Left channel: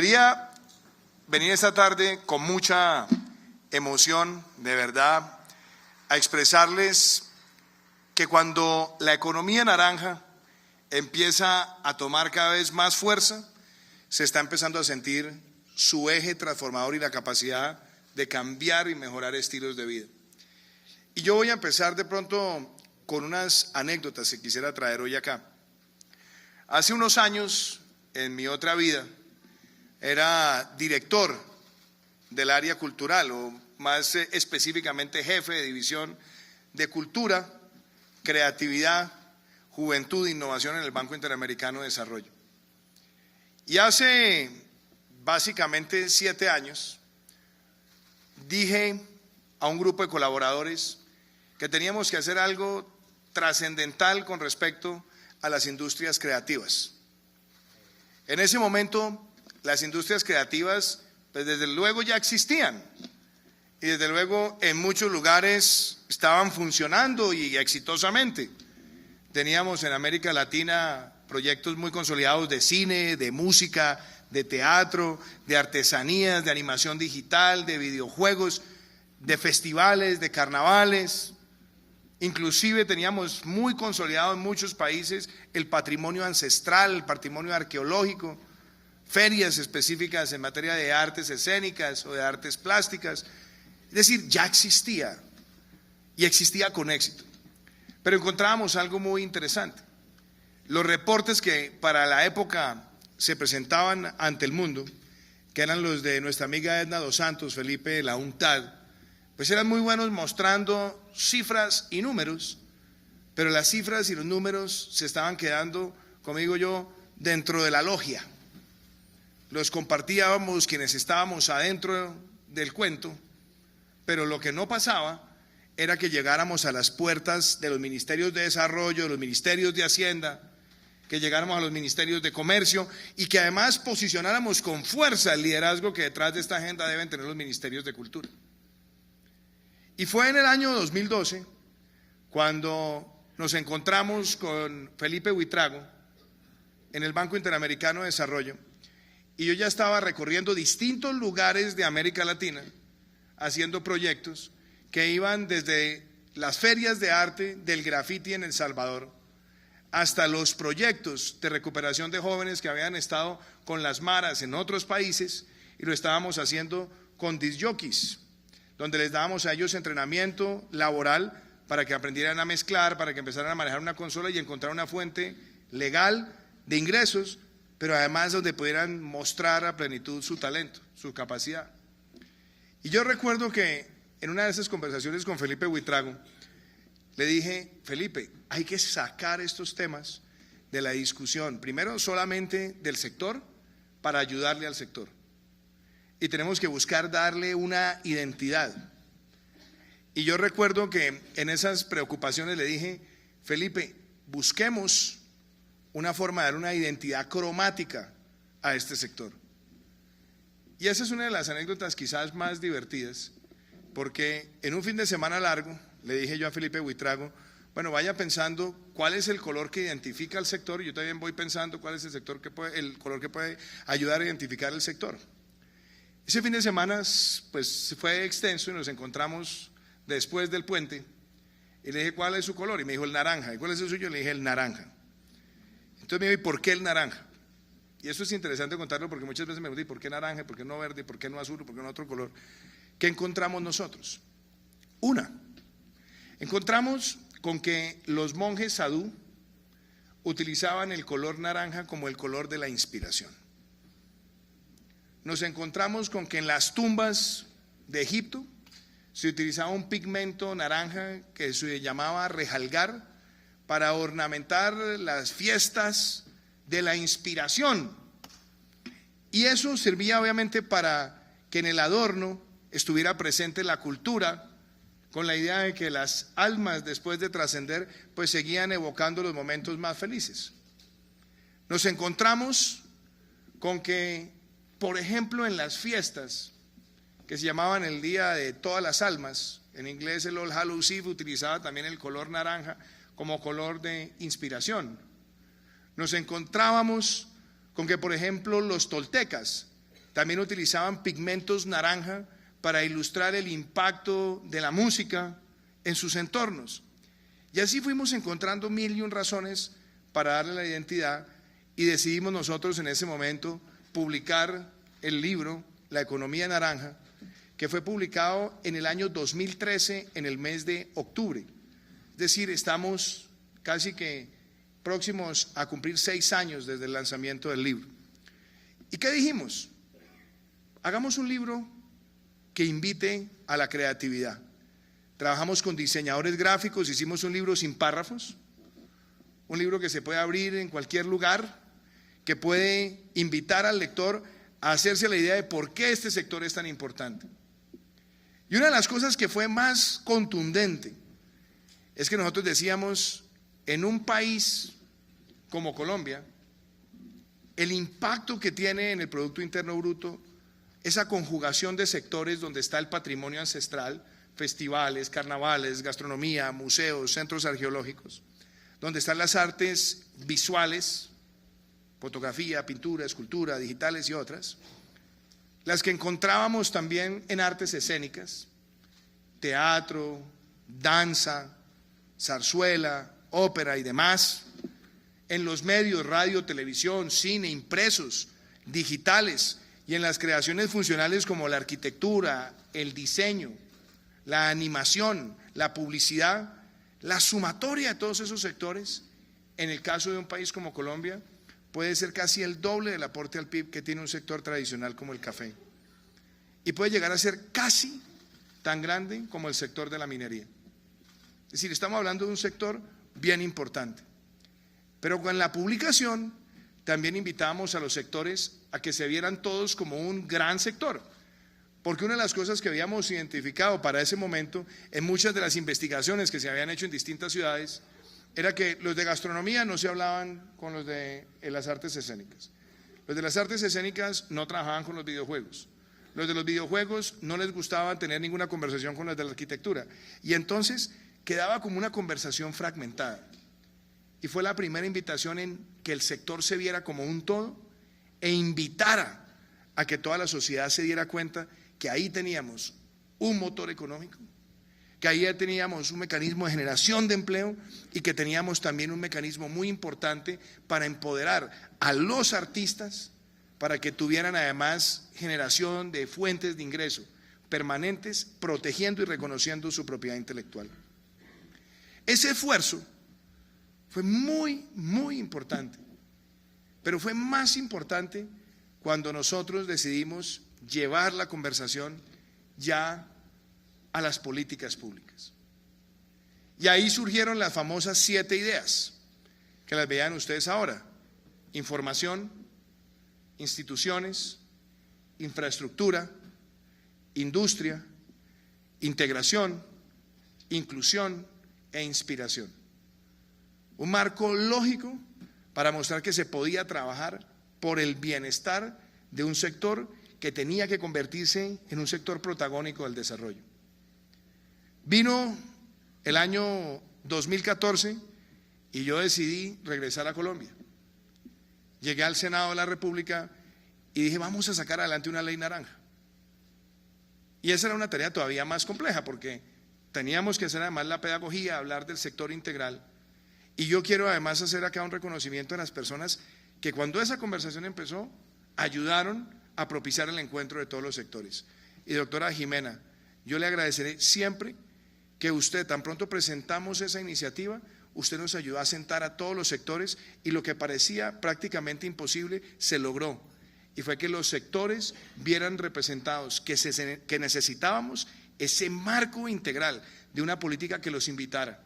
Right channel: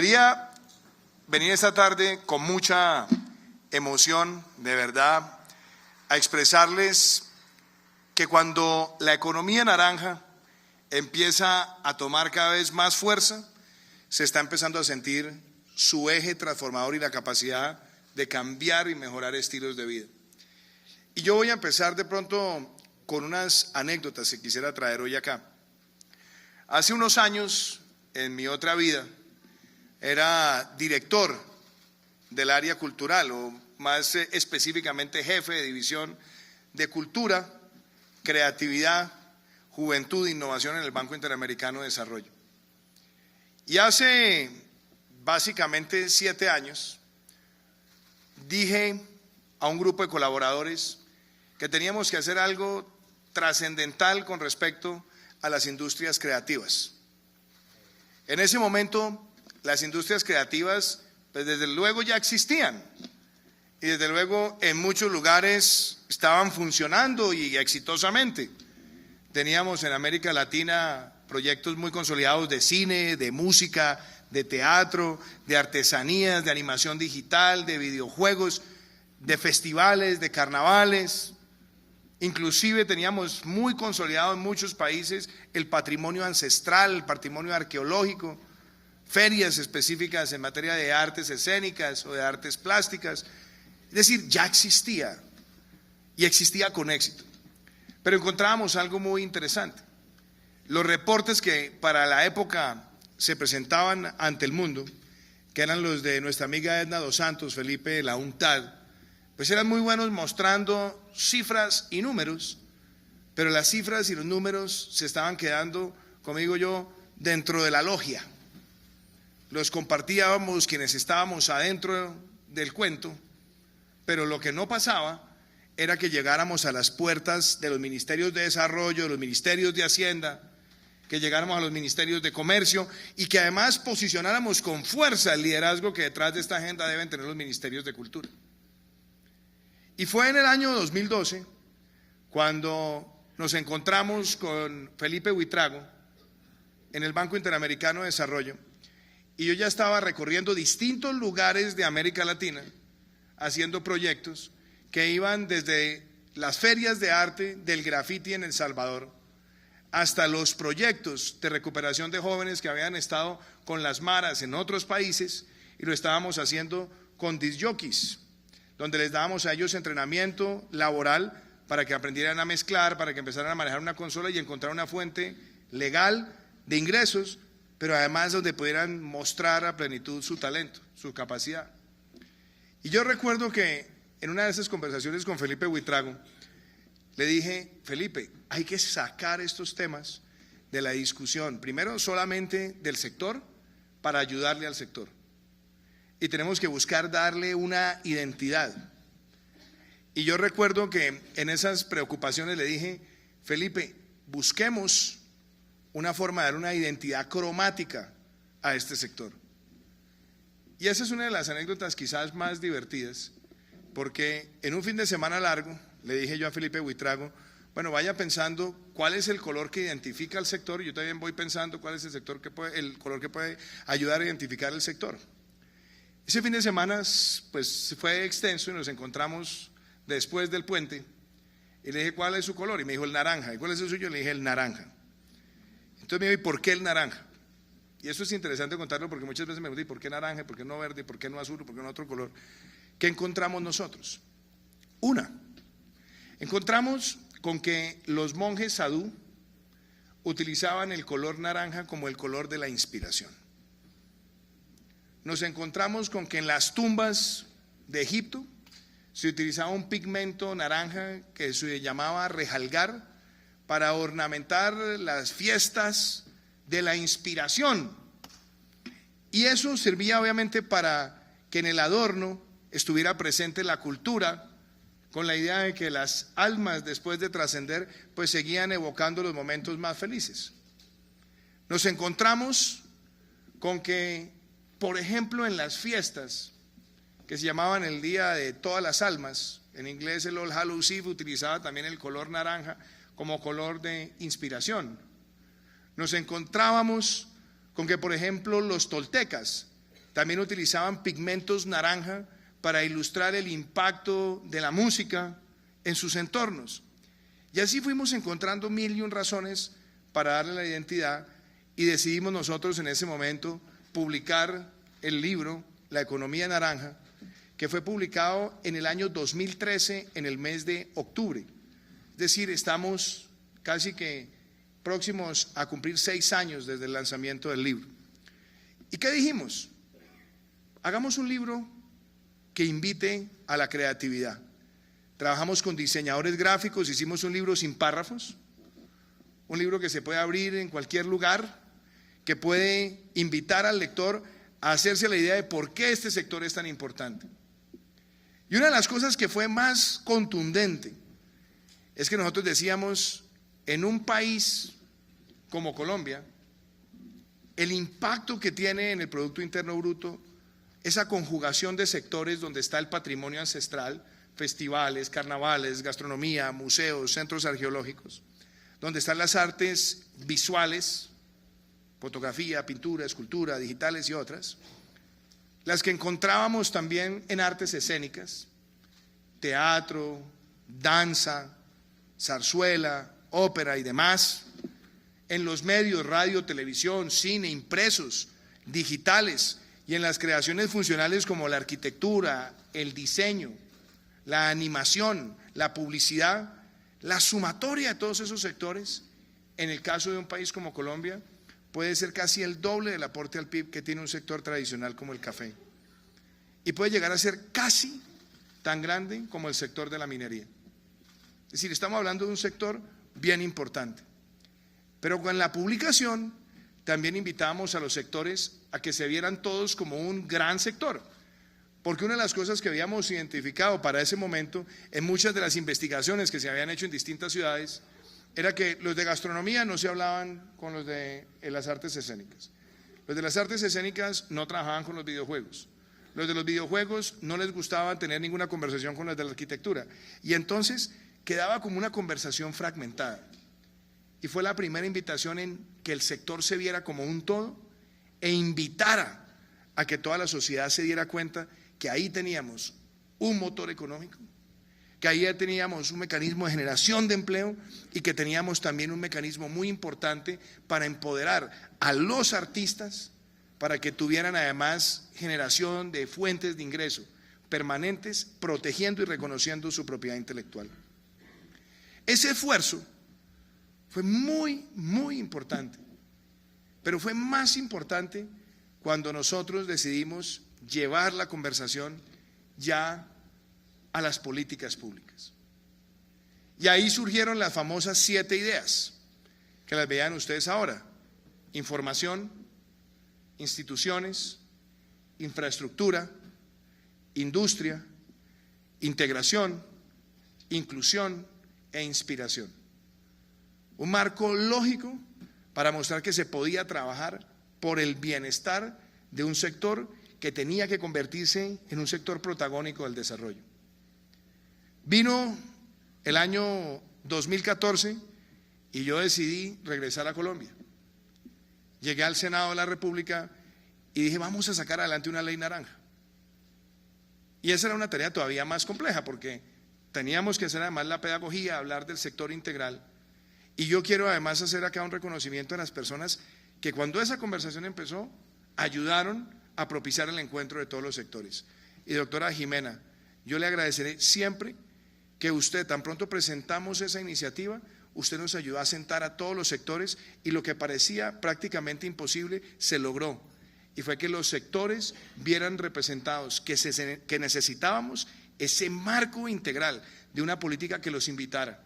Quería venir esta tarde con mucha emoción, de verdad, a expresarles que cuando la economía naranja empieza a tomar cada vez más fuerza, se está empezando a sentir su eje transformador y la capacidad de cambiar y mejorar estilos de vida. Y yo voy a empezar de pronto con unas anécdotas que quisiera traer hoy acá. Hace unos años, en mi otra vida, era director del área cultural, o más específicamente jefe de división de cultura, creatividad, juventud e innovación en el Banco Interamericano de Desarrollo. Y hace básicamente 7 años dije a un grupo de colaboradores que teníamos que hacer algo trascendental con respecto a las industrias creativas. En ese momento las industrias creativas pues desde luego ya existían y desde luego en muchos lugares estaban funcionando y exitosamente. Teníamos en América Latina proyectos muy consolidados de cine, de música, de teatro, de artesanías, de animación digital, de videojuegos, de festivales, de carnavales. Inclusive teníamos muy consolidado en muchos países el patrimonio ancestral, el patrimonio arqueológico, ferias específicas en materia de artes escénicas o de artes plásticas. Es decir, ya existía y existía con éxito. Pero encontrábamos algo muy interesante. Los reportes que para la época se presentaban ante el mundo, que eran los de nuestra amiga Edna dos Santos, Felipe de la UNCTAD, pues eran muy buenos mostrando cifras y números, pero las cifras y los números se estaban quedando, como digo yo, dentro de la logia. Los compartíamos quienes estábamos adentro del cuento, pero lo que no pasaba era que llegáramos a las puertas de los ministerios de desarrollo, de los ministerios de Hacienda, que llegáramos a los ministerios de comercio y que además posicionáramos con fuerza el liderazgo que detrás de esta agenda deben tener los ministerios de cultura. Y fue en el año 2012 cuando nos encontramos con Felipe Buitrago en el Banco Interamericano de Desarrollo y yo ya estaba recorriendo distintos lugares de América Latina haciendo proyectos que iban desde las ferias de arte del graffiti en El Salvador hasta los proyectos de recuperación de jóvenes que habían estado con las maras en otros países y lo estábamos haciendo con disc jockeys, donde les dábamos a ellos entrenamiento laboral para que aprendieran a mezclar, para que empezaran a manejar una consola y encontrar una fuente legal de ingresos, pero además donde pudieran mostrar a plenitud su talento, su capacidad. Y yo recuerdo que en una de esas conversaciones con Felipe Buitrago, le dije, Felipe, hay que sacar estos temas de la discusión, primero solamente del sector, para ayudarle al sector. Y tenemos que buscar darle una identidad. Y yo recuerdo que en esas preocupaciones le dije, Felipe, busquemos una forma de dar una identidad cromática a este sector. Y esa es una de las anécdotas quizás más divertidas, porque en un fin de semana largo le dije yo a Felipe Buitrago, bueno, vaya pensando cuál es el color que identifica al sector, y yo también voy pensando cuál es el color que puede ayudar a identificar el sector. Ese fin de semana pues fue extenso y nos encontramos después del puente y le dije, ¿cuál es su color? Y me dijo el naranja. ¿Y cuál es el suyo? Le dije el naranja. Entonces me dijo, ¿y por qué el naranja? Y eso es interesante contarlo porque muchas veces me preguntan, ¿y por qué naranja? ¿Por qué no verde? ¿Por qué no azul? ¿Por qué no otro color? ¿Qué encontramos nosotros? Encontramos con que los monjes sadú utilizaban el color naranja como el color de la inspiración. Nos encontramos con que en las tumbas de Egipto se utilizaba un pigmento naranja que se llamaba rejalgar para ornamentar las fiestas de la inspiración. Y eso servía obviamente para que en el adorno estuviera presente la cultura, con la idea de que las almas después de trascender pues seguían evocando los momentos más felices. Nos encontramos con que, por ejemplo, en las fiestas que se llamaban el Día de Todas las Almas, en inglés el All Hallows Eve, utilizaba también el color naranja como color de inspiración. Nos encontrábamos con que, por ejemplo, los toltecas también utilizaban pigmentos naranja para ilustrar el impacto de la música en sus entornos. Y así fuimos encontrando mil y un razones para darle la identidad, y decidimos nosotros en ese momento publicar el libro La Economía Naranja, que fue publicado en el año 2013 en el mes de octubre. Es decir, estamos casi que próximos a cumplir 6 años desde el lanzamiento del libro. ¿Y qué dijimos? Hagamos un libro que invite a la creatividad. Trabajamos con diseñadores gráficos, hicimos un libro sin párrafos, un libro que se puede abrir en cualquier lugar, que puede invitar al lector a hacerse la idea de por qué este sector es tan importante. Y una de las cosas que fue más contundente es que nosotros decíamos, en un país como Colombia, el impacto que tiene en el Producto Interno Bruto, esa conjugación de sectores donde está el patrimonio ancestral, festivales, carnavales, gastronomía, museos, centros arqueológicos, donde están las artes visuales, fotografía, pintura, escultura, digitales y otras, las que encontrábamos también en artes escénicas, teatro, danza, zarzuela, ópera y demás, en los medios, radio, televisión, cine, impresos, digitales, y en las creaciones funcionales como la arquitectura, el diseño, la animación, la publicidad, la sumatoria de todos esos sectores, en el caso de un país como Colombia, puede ser casi el doble del aporte al PIB que tiene un sector tradicional como el café. Y puede llegar a ser casi tan grande como el sector de la minería. Es decir, estamos hablando de un sector bien importante. Pero con la publicación también invitamos a los sectores a que se vieran todos como un gran sector. Porque una de las cosas que habíamos identificado para ese momento en muchas de las investigaciones que se habían hecho en distintas ciudades era que los de gastronomía no se hablaban con los de las artes escénicas. Los de las artes escénicas no trabajaban con los videojuegos. Los de los videojuegos no les gustaba tener ninguna conversación con los de la arquitectura. Y entonces quedaba como una conversación fragmentada. Y fue la primera invitación en que el sector se viera como un todo e invitara a que toda la sociedad se diera cuenta que ahí teníamos un motor económico, que ahí ya teníamos un mecanismo de generación de empleo y que teníamos también un mecanismo muy importante para empoderar a los artistas para que tuvieran además generación de fuentes de ingreso permanentes, protegiendo y reconociendo su propiedad intelectual. Ese esfuerzo fue muy, muy importante, pero fue más importante cuando nosotros decidimos llevar la conversación ya a las políticas públicas. Y ahí surgieron las famosas 7 ideas, que las vean ustedes ahora: información, instituciones, infraestructura, industria, integración, inclusión e inspiración. Un marco lógico para mostrar que se podía trabajar por el bienestar de un sector que tenía que convertirse en un sector protagónico del desarrollo. Vino el año 2014 y yo decidí regresar a Colombia. Llegué al Senado de la República y dije, vamos a sacar adelante una ley naranja. Y esa era una tarea todavía más compleja porque teníamos que hacer además la pedagogía, hablar del sector integral. Y yo quiero además hacer acá un reconocimiento a las personas que cuando esa conversación empezó, ayudaron a propiciar el encuentro de todos los sectores. Y doctora Jimena, yo le agradeceré siempre que usted, tan pronto presentamos esa iniciativa, usted nos ayudó a sentar a todos los sectores y lo que parecía prácticamente imposible se logró. Y fue que los sectores vieran representados que necesitábamos ese marco integral de una política que los invitara,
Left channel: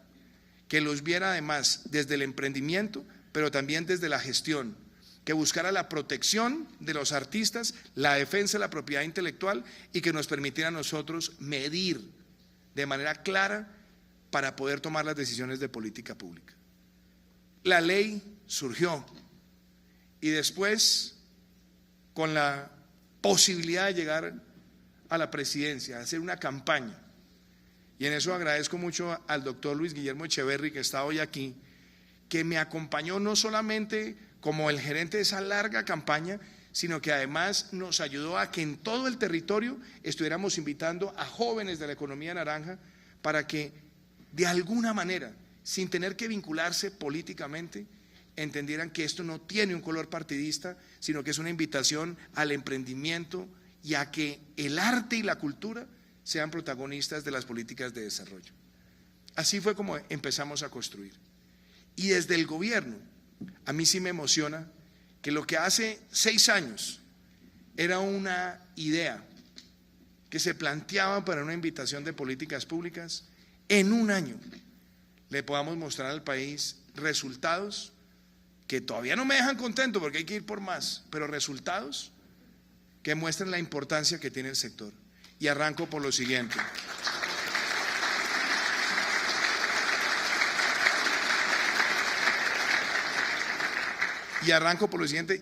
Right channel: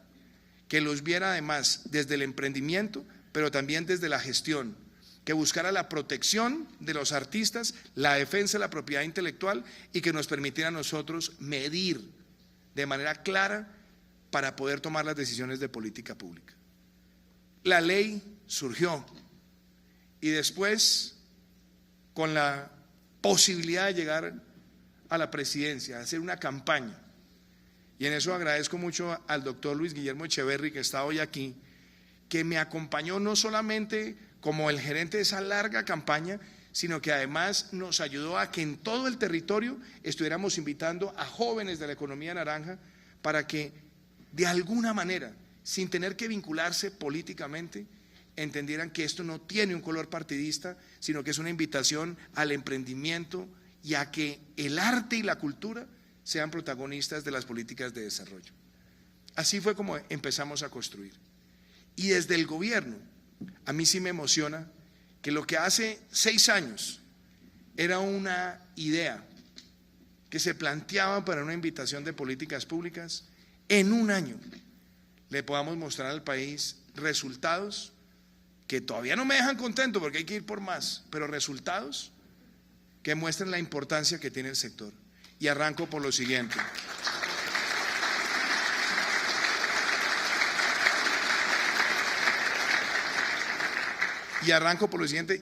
que los viera además desde el emprendimiento, pero también desde la gestión, que buscara la protección de los artistas, la defensa de la propiedad intelectual y que nos permitiera a nosotros medir de manera clara para poder tomar las decisiones de política pública. La ley surgió y después, con la posibilidad de llegar a la presidencia, de hacer una campaña, y en eso agradezco mucho al doctor Luis Guillermo Echeverry, que está hoy aquí, que me acompañó no solamente como el gerente de esa larga campaña, sino que además nos ayudó a que en todo el territorio estuviéramos invitando a jóvenes de la economía naranja para que de alguna manera, sin tener que vincularse políticamente, entendieran que esto no tiene un color partidista, sino que es una invitación al emprendimiento y a que el arte y la cultura sean protagonistas de las políticas de desarrollo. Así fue como empezamos a construir. Y desde el gobierno, a mí sí me emociona que lo que hace 6 años era una idea que se planteaba para una invitación de políticas públicas, en un año le podamos mostrar al país resultados que todavía no me dejan contento porque hay que ir por más, pero resultados que muestren la importancia que tiene el sector. Y arranco por lo siguiente.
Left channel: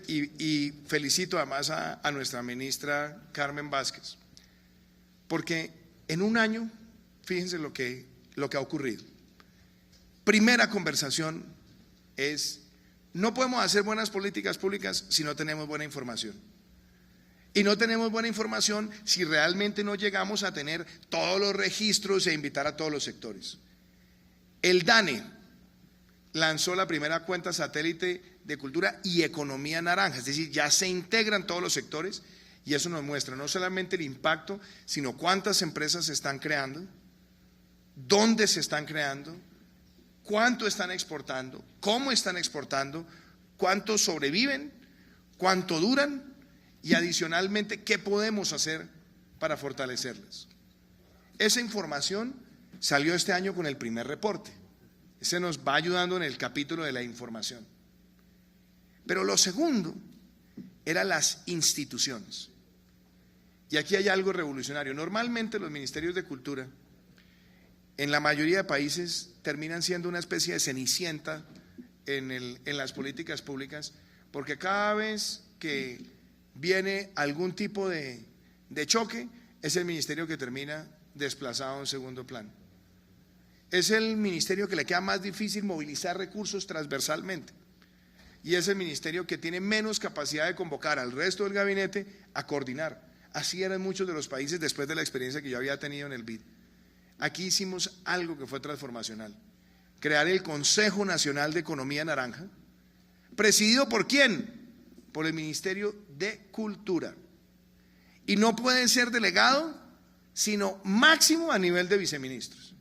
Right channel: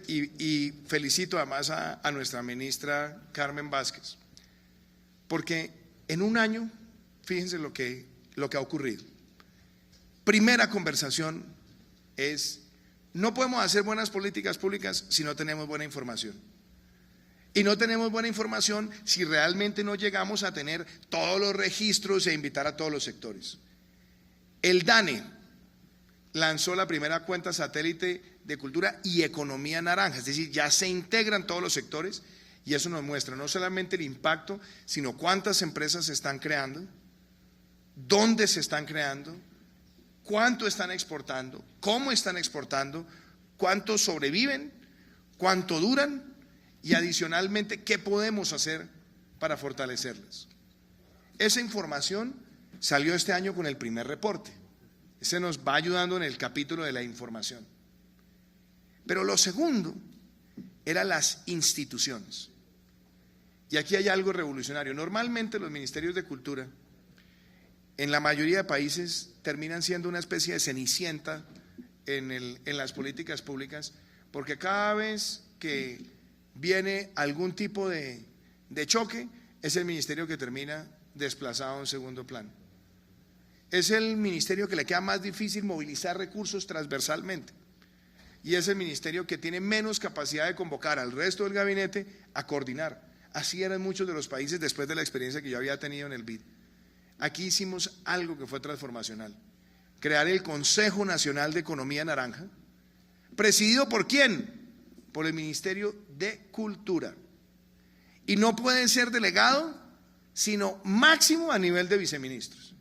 Y felicito además a nuestra ministra Carmen Vázquez, porque en un año, fíjense lo que ha ocurrido. Primera conversación es: no podemos hacer buenas políticas públicas si no tenemos buena información. Y no tenemos buena información si realmente no llegamos a tener todos los registros e invitar a todos los sectores. El DANE lanzó la primera cuenta satélite de cultura y economía naranja, es decir, ya se integran todos los sectores, y eso nos muestra no solamente el impacto, sino cuántas empresas se están creando, dónde se están creando, cuánto están exportando, cómo están exportando, cuánto sobreviven, cuánto duran, y adicionalmente qué podemos hacer para fortalecerlas. Esa información salió este año con el primer reporte. Ese nos va ayudando en el capítulo de la información. Pero lo segundo eran las instituciones. Y aquí hay algo revolucionario. Normalmente los ministerios de cultura en la mayoría de países terminan siendo una especie de cenicienta en las políticas públicas, porque cada vez que viene algún tipo de choque, es el ministerio que termina desplazado en segundo plano. Es el ministerio que le queda más difícil movilizar recursos transversalmente, y es el ministerio que tiene menos capacidad de convocar al resto del gabinete a coordinar. Así eran muchos de los países después de la experiencia que yo había tenido en el BID. Aquí hicimos algo que fue transformacional: crear el Consejo Nacional de Economía Naranja, presidido ¿por quién? Por el Ministerio de Cultura. Y no pueden ser delegado, sino máximo a nivel de viceministros.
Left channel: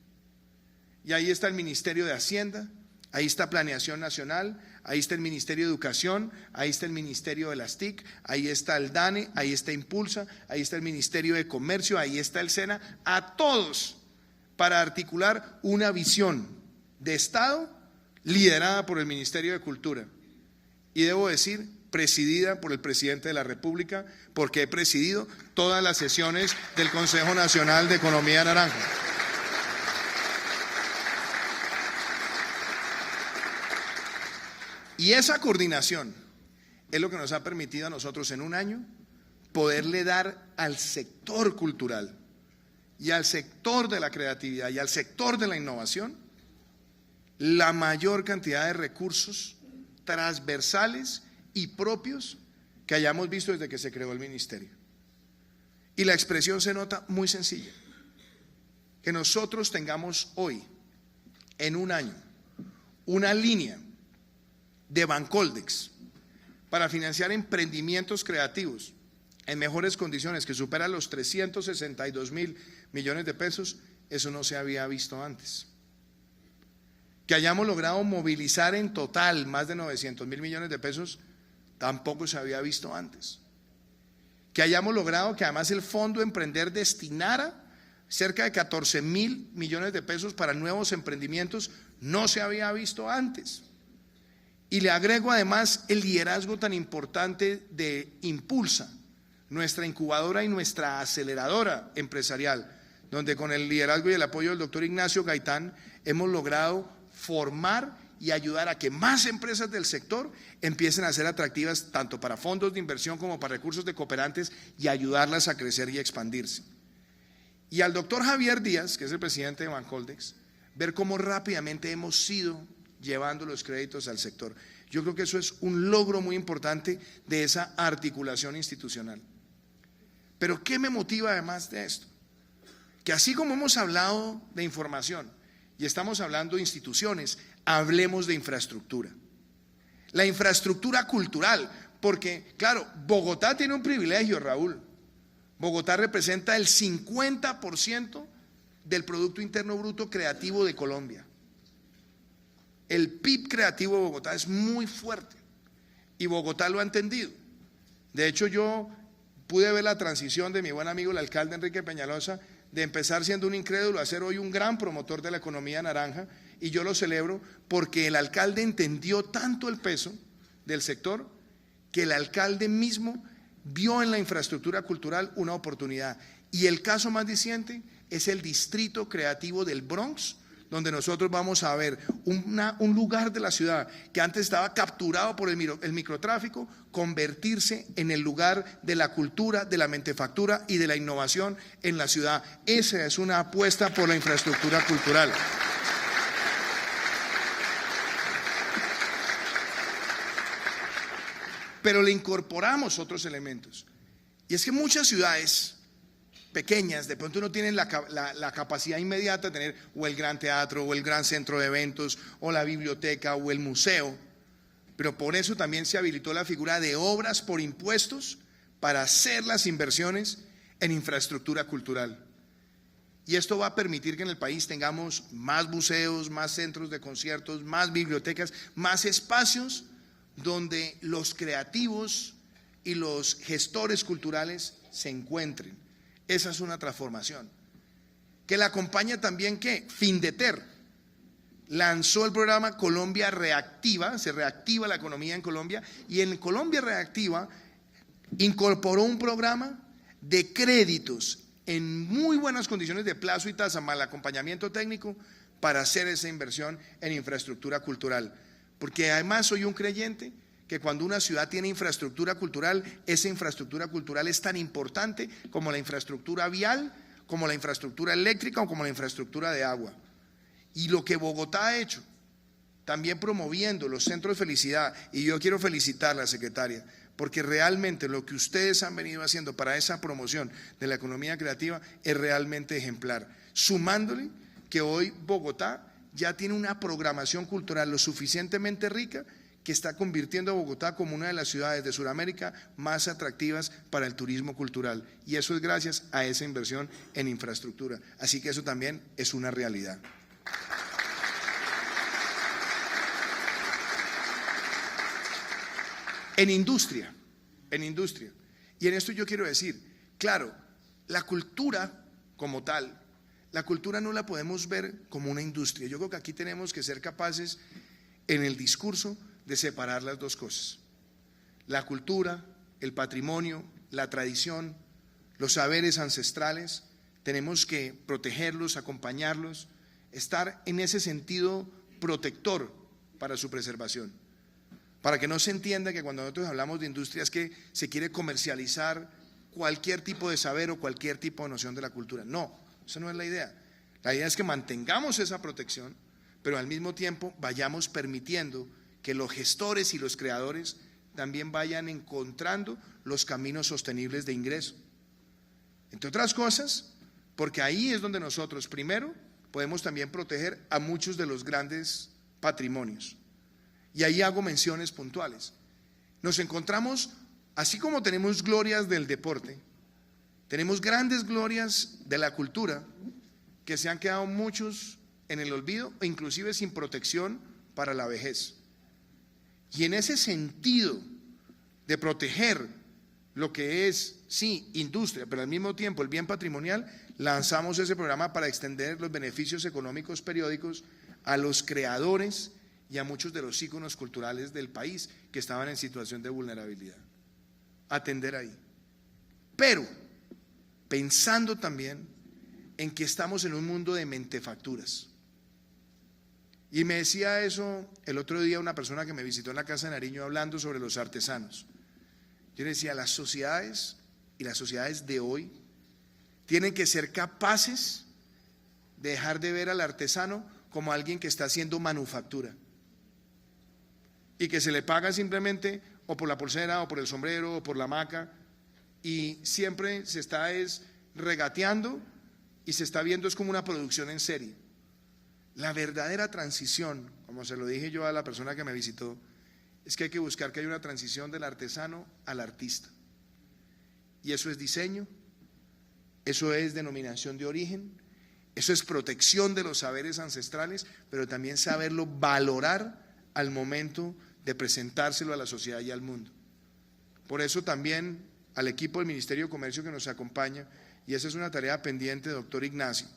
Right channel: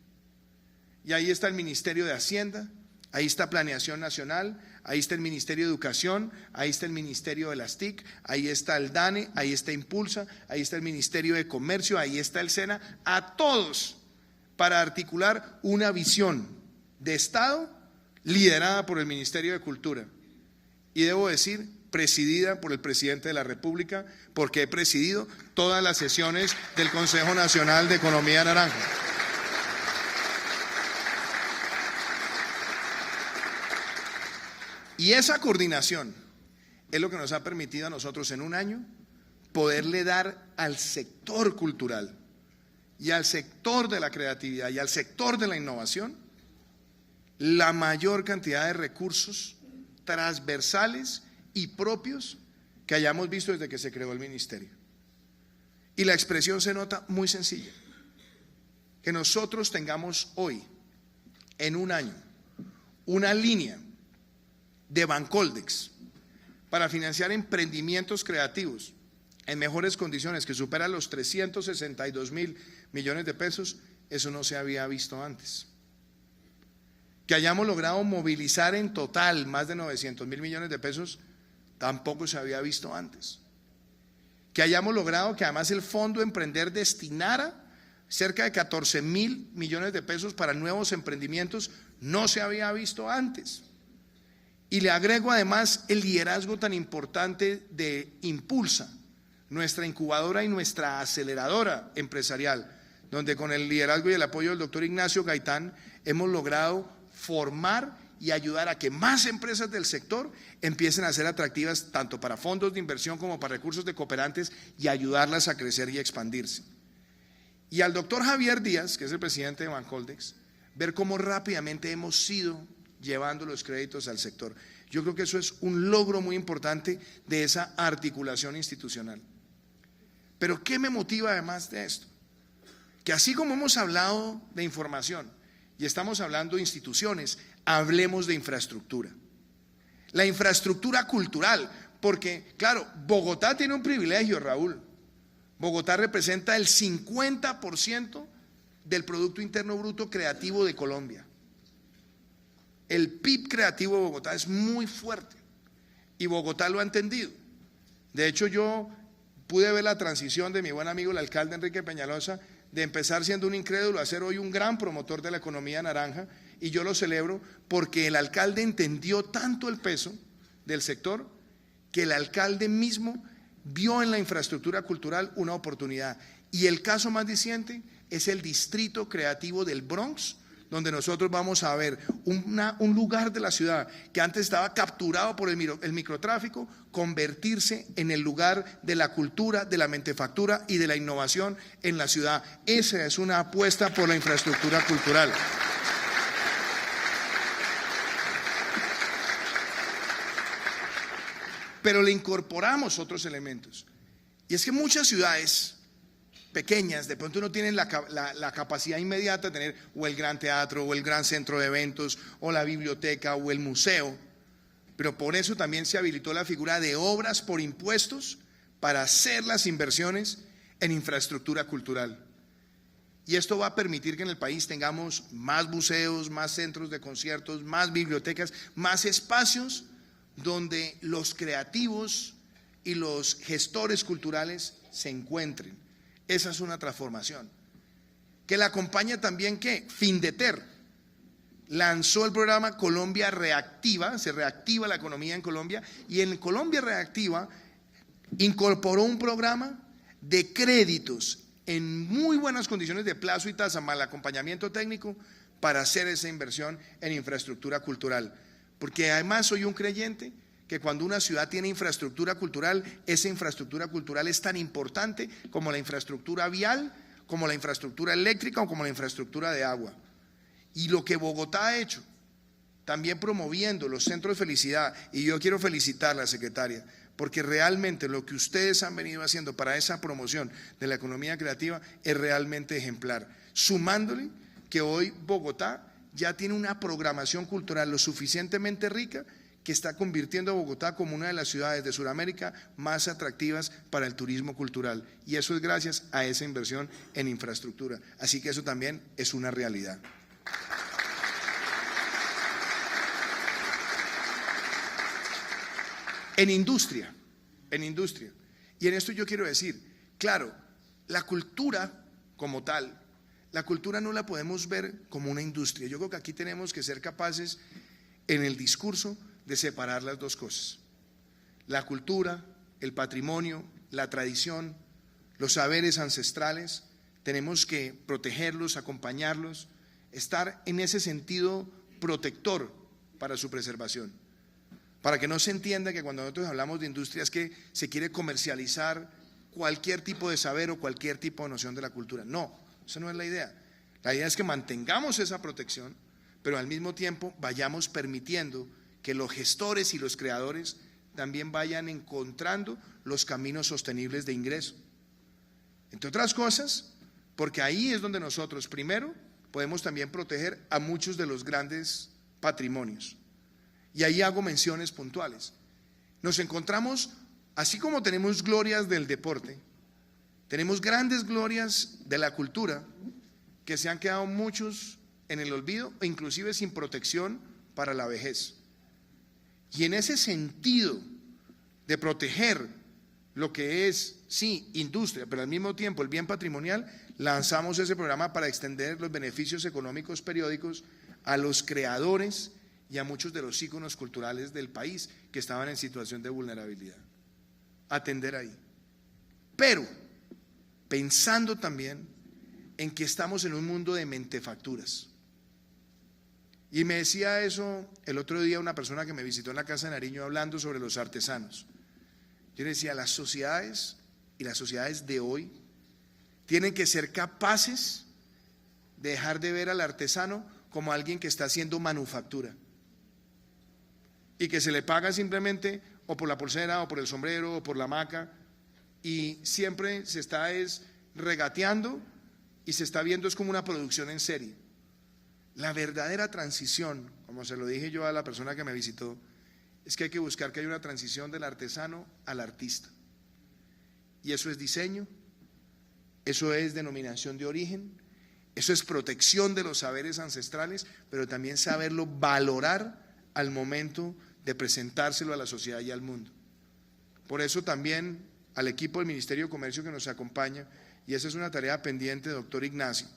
Y ahí está el Ministerio de Hacienda, ahí está Planeación Nacional, ahí está el Ministerio de Educación, ahí está el Ministerio de las TIC, ahí está el DANE, ahí está Impulsa, ahí está el Ministerio de Comercio, ahí está el SENA, a todos para articular una visión de Estado liderada por el Ministerio de Cultura. Y debo decir, presidida por el presidente de la República, porque he presidido todas las sesiones del Consejo Nacional de Economía Naranja. Y esa coordinación es lo que nos ha permitido a nosotros en un año poderle dar al sector cultural y al sector de la creatividad y al sector de la innovación la mayor cantidad de recursos transversales y propios que hayamos visto desde que se creó el ministerio. Y la expresión se nota muy sencilla: que nosotros tengamos hoy, en un año, una línea de Bancoldex para financiar emprendimientos creativos en mejores condiciones, que supera los 362.000 millones de pesos, eso no se había visto antes. Que hayamos logrado movilizar en total más de 900.000 millones de pesos, tampoco se había visto antes. Que hayamos logrado que además el Fondo Emprender destinara cerca de 14.000 millones de pesos para nuevos emprendimientos, no se había visto antes. Y le agrego además el liderazgo tan importante de Impulsa, nuestra incubadora y nuestra aceleradora empresarial, donde con el liderazgo y el apoyo del doctor Ignacio Gaitán hemos logrado formar y ayudar a que más empresas del sector empiecen a ser atractivas tanto para fondos de inversión como para recursos de cooperantes, y ayudarlas a crecer y expandirse. Y al doctor Javier Díaz, que es el presidente de Bancoldex, ver cómo rápidamente hemos ido llevando los créditos al sector. Yo creo que eso es un logro muy importante de esa articulación institucional. Pero ¿qué me motiva además de esto? Que así como hemos hablado de información y estamos hablando de instituciones, hablemos de infraestructura. La infraestructura cultural, porque claro, Bogotá tiene un privilegio, Raúl. Bogotá representa el 50% del Producto Interno Bruto creativo de Colombia. El PIB creativo de Bogotá es muy fuerte y Bogotá lo ha entendido. De hecho, yo pude ver la transición de mi buen amigo el alcalde Enrique Peñalosa, de empezar siendo un incrédulo a ser hoy un gran promotor de la economía naranja, y yo lo celebro porque el alcalde entendió tanto el peso del sector que el alcalde mismo vio en la infraestructura cultural una oportunidad. Y el caso más diciente es el distrito creativo del Bronx, donde nosotros vamos a ver un lugar de la ciudad que antes estaba capturado por el microtráfico, convertirse en el lugar de la cultura, de la mentefactura y de la innovación en la ciudad. Esa es una apuesta por la infraestructura cultural. Pero le incorporamos otros elementos. Y es que muchas ciudades pequeñas, de pronto no tienen la capacidad inmediata de tener o el gran teatro o el gran centro de eventos o la biblioteca o el museo, pero por eso también se habilitó la figura de obras por impuestos para hacer las inversiones en infraestructura cultural. Y esto va a permitir que en el país tengamos más museos, más centros de conciertos, más bibliotecas, más espacios donde los creativos y los gestores culturales se encuentren. Esa es una transformación. Que la acompaña también, ¿qué? Findeter lanzó el programa Colombia Reactiva, se reactiva la economía en Colombia, y en Colombia Reactiva incorporó un programa de créditos en muy buenas condiciones de plazo y tasa, más el acompañamiento técnico para hacer esa inversión en infraestructura cultural. Porque además soy un creyente que cuando una ciudad tiene infraestructura cultural, esa infraestructura cultural es tan importante como la infraestructura vial, como la infraestructura eléctrica o como la infraestructura de agua. Y lo que Bogotá ha hecho, también promoviendo los centros de felicidad, y yo quiero felicitar a la secretaria, porque realmente lo que ustedes han venido haciendo para esa promoción de la economía creativa es realmente ejemplar. Sumándole que hoy Bogotá ya tiene una programación cultural lo suficientemente rica que está convirtiendo a Bogotá como una de las ciudades de Sudamérica más atractivas para el turismo cultural. Y eso es gracias a esa inversión en infraestructura. Así que eso también es una realidad. En industria. Y en esto yo quiero decir, claro, la cultura como tal, la cultura no la podemos ver como una industria. Yo creo que aquí tenemos que ser capaces en el discurso de separar las dos cosas. La cultura, el patrimonio, la tradición, los saberes ancestrales, tenemos que protegerlos, acompañarlos, estar en ese sentido protector para su preservación. Para que no se entienda que cuando nosotros hablamos de industria es que se quiere comercializar cualquier tipo de saber o cualquier tipo de noción de la cultura. No, esa no es la idea. La idea es que mantengamos esa protección, pero al mismo tiempo vayamos permitiendo que los gestores y los creadores también vayan encontrando los caminos sostenibles de ingreso. Entre otras cosas, porque ahí es donde nosotros primero podemos también proteger a muchos de los grandes patrimonios. Y ahí hago menciones puntuales. Nos encontramos, así como tenemos glorias del deporte, tenemos grandes glorias de la cultura que se han quedado muchos en el olvido e inclusive sin protección para la vejez. Y en ese sentido de proteger lo que es, sí, industria, pero al mismo tiempo el bien patrimonial, lanzamos ese programa para extender los beneficios económicos periódicos a los creadores y a muchos de los íconos culturales del país que estaban en situación de vulnerabilidad. Atender ahí. Pero pensando también en que estamos en un mundo de mentefacturas. Y me decía eso el otro día una persona que me visitó en la Casa de Nariño hablando sobre los artesanos. Yo le decía, las sociedades y las sociedades de hoy tienen que ser capaces de dejar de ver al artesano como alguien que está haciendo manufactura y que se le paga simplemente o por la pulsera o por el sombrero o por la hamaca, y siempre se está regateando y se está viendo es como una producción en serie. La verdadera transición, como se lo dije yo a la persona que me visitó, es que hay que buscar que haya una transición del artesano al artista. Y eso es diseño, eso es denominación de origen, eso es protección de los saberes ancestrales, pero también saberlo valorar al momento de presentárselo a la sociedad y al mundo. Por eso también al equipo del Ministerio de Comercio que nos acompaña, y esa es una tarea pendiente, doctor Ignacio,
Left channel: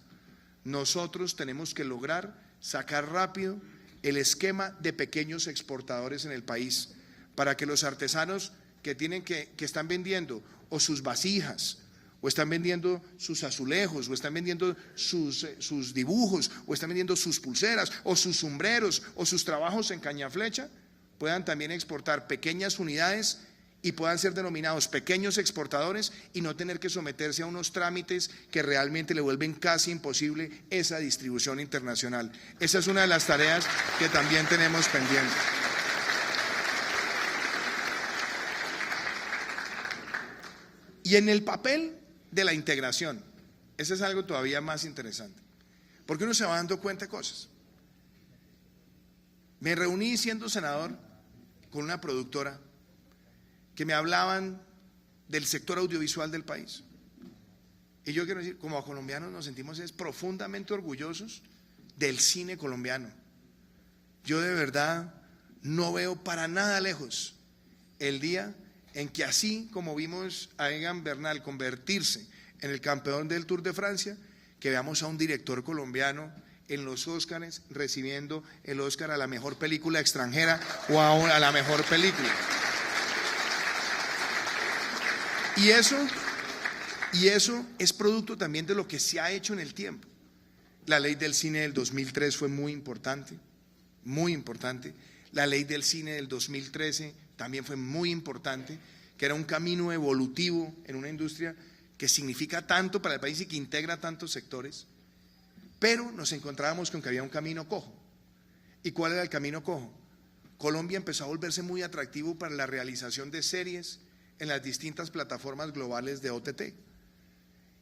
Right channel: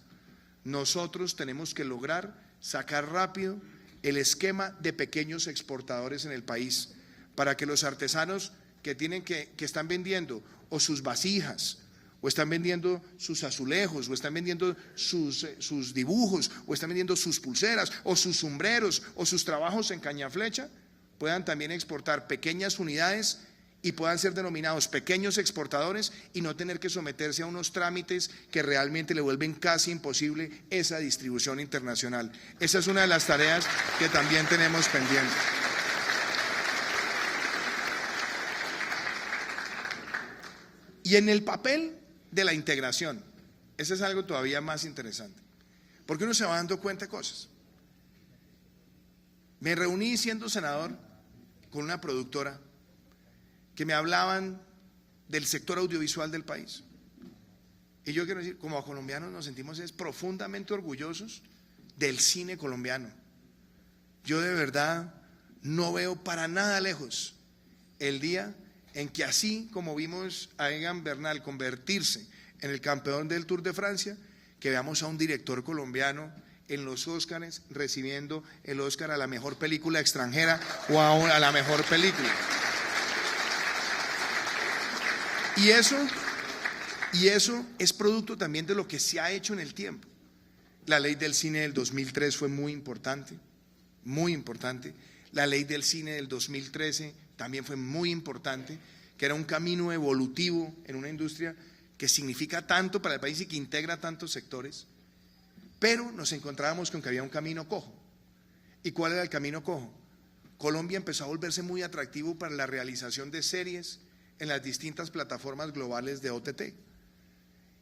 nosotros tenemos que lograr sacar rápido el esquema de pequeños exportadores en el país, para que los artesanos que están vendiendo o sus vasijas, o están vendiendo sus azulejos, o están vendiendo sus dibujos, o están vendiendo sus pulseras, o sus sombreros, o sus trabajos en cañaflecha, puedan también exportar pequeñas unidades y puedan ser denominados pequeños exportadores y no tener que someterse a unos trámites que realmente le vuelven casi imposible esa distribución internacional. Esa es una de las tareas que también tenemos pendiente. Y en el papel de la integración, eso es algo todavía más interesante, porque uno se va dando cuenta de cosas. Me reuní siendo senador con una productora que me hablaban del sector audiovisual del país. Y yo quiero decir, como colombianos nos sentimos profundamente orgullosos del cine colombiano. Yo de verdad no veo para nada lejos el día en que, así como vimos a Egan Bernal convertirse en el campeón del Tour de Francia, que veamos a un director colombiano en los Óscares recibiendo el Óscar a la mejor película extranjera o a la mejor película. Y eso es producto también de lo que se ha hecho en el tiempo. La ley del cine del 2003 fue muy importante, muy importante. La ley del cine del 2013 también fue muy importante, que era un camino evolutivo en una industria que significa tanto para el país y que integra tantos sectores. Pero nos encontrábamos con que había un camino cojo. ¿Y cuál era el camino cojo? Colombia empezó a volverse muy atractivo para la realización de series en las distintas plataformas globales de OTT.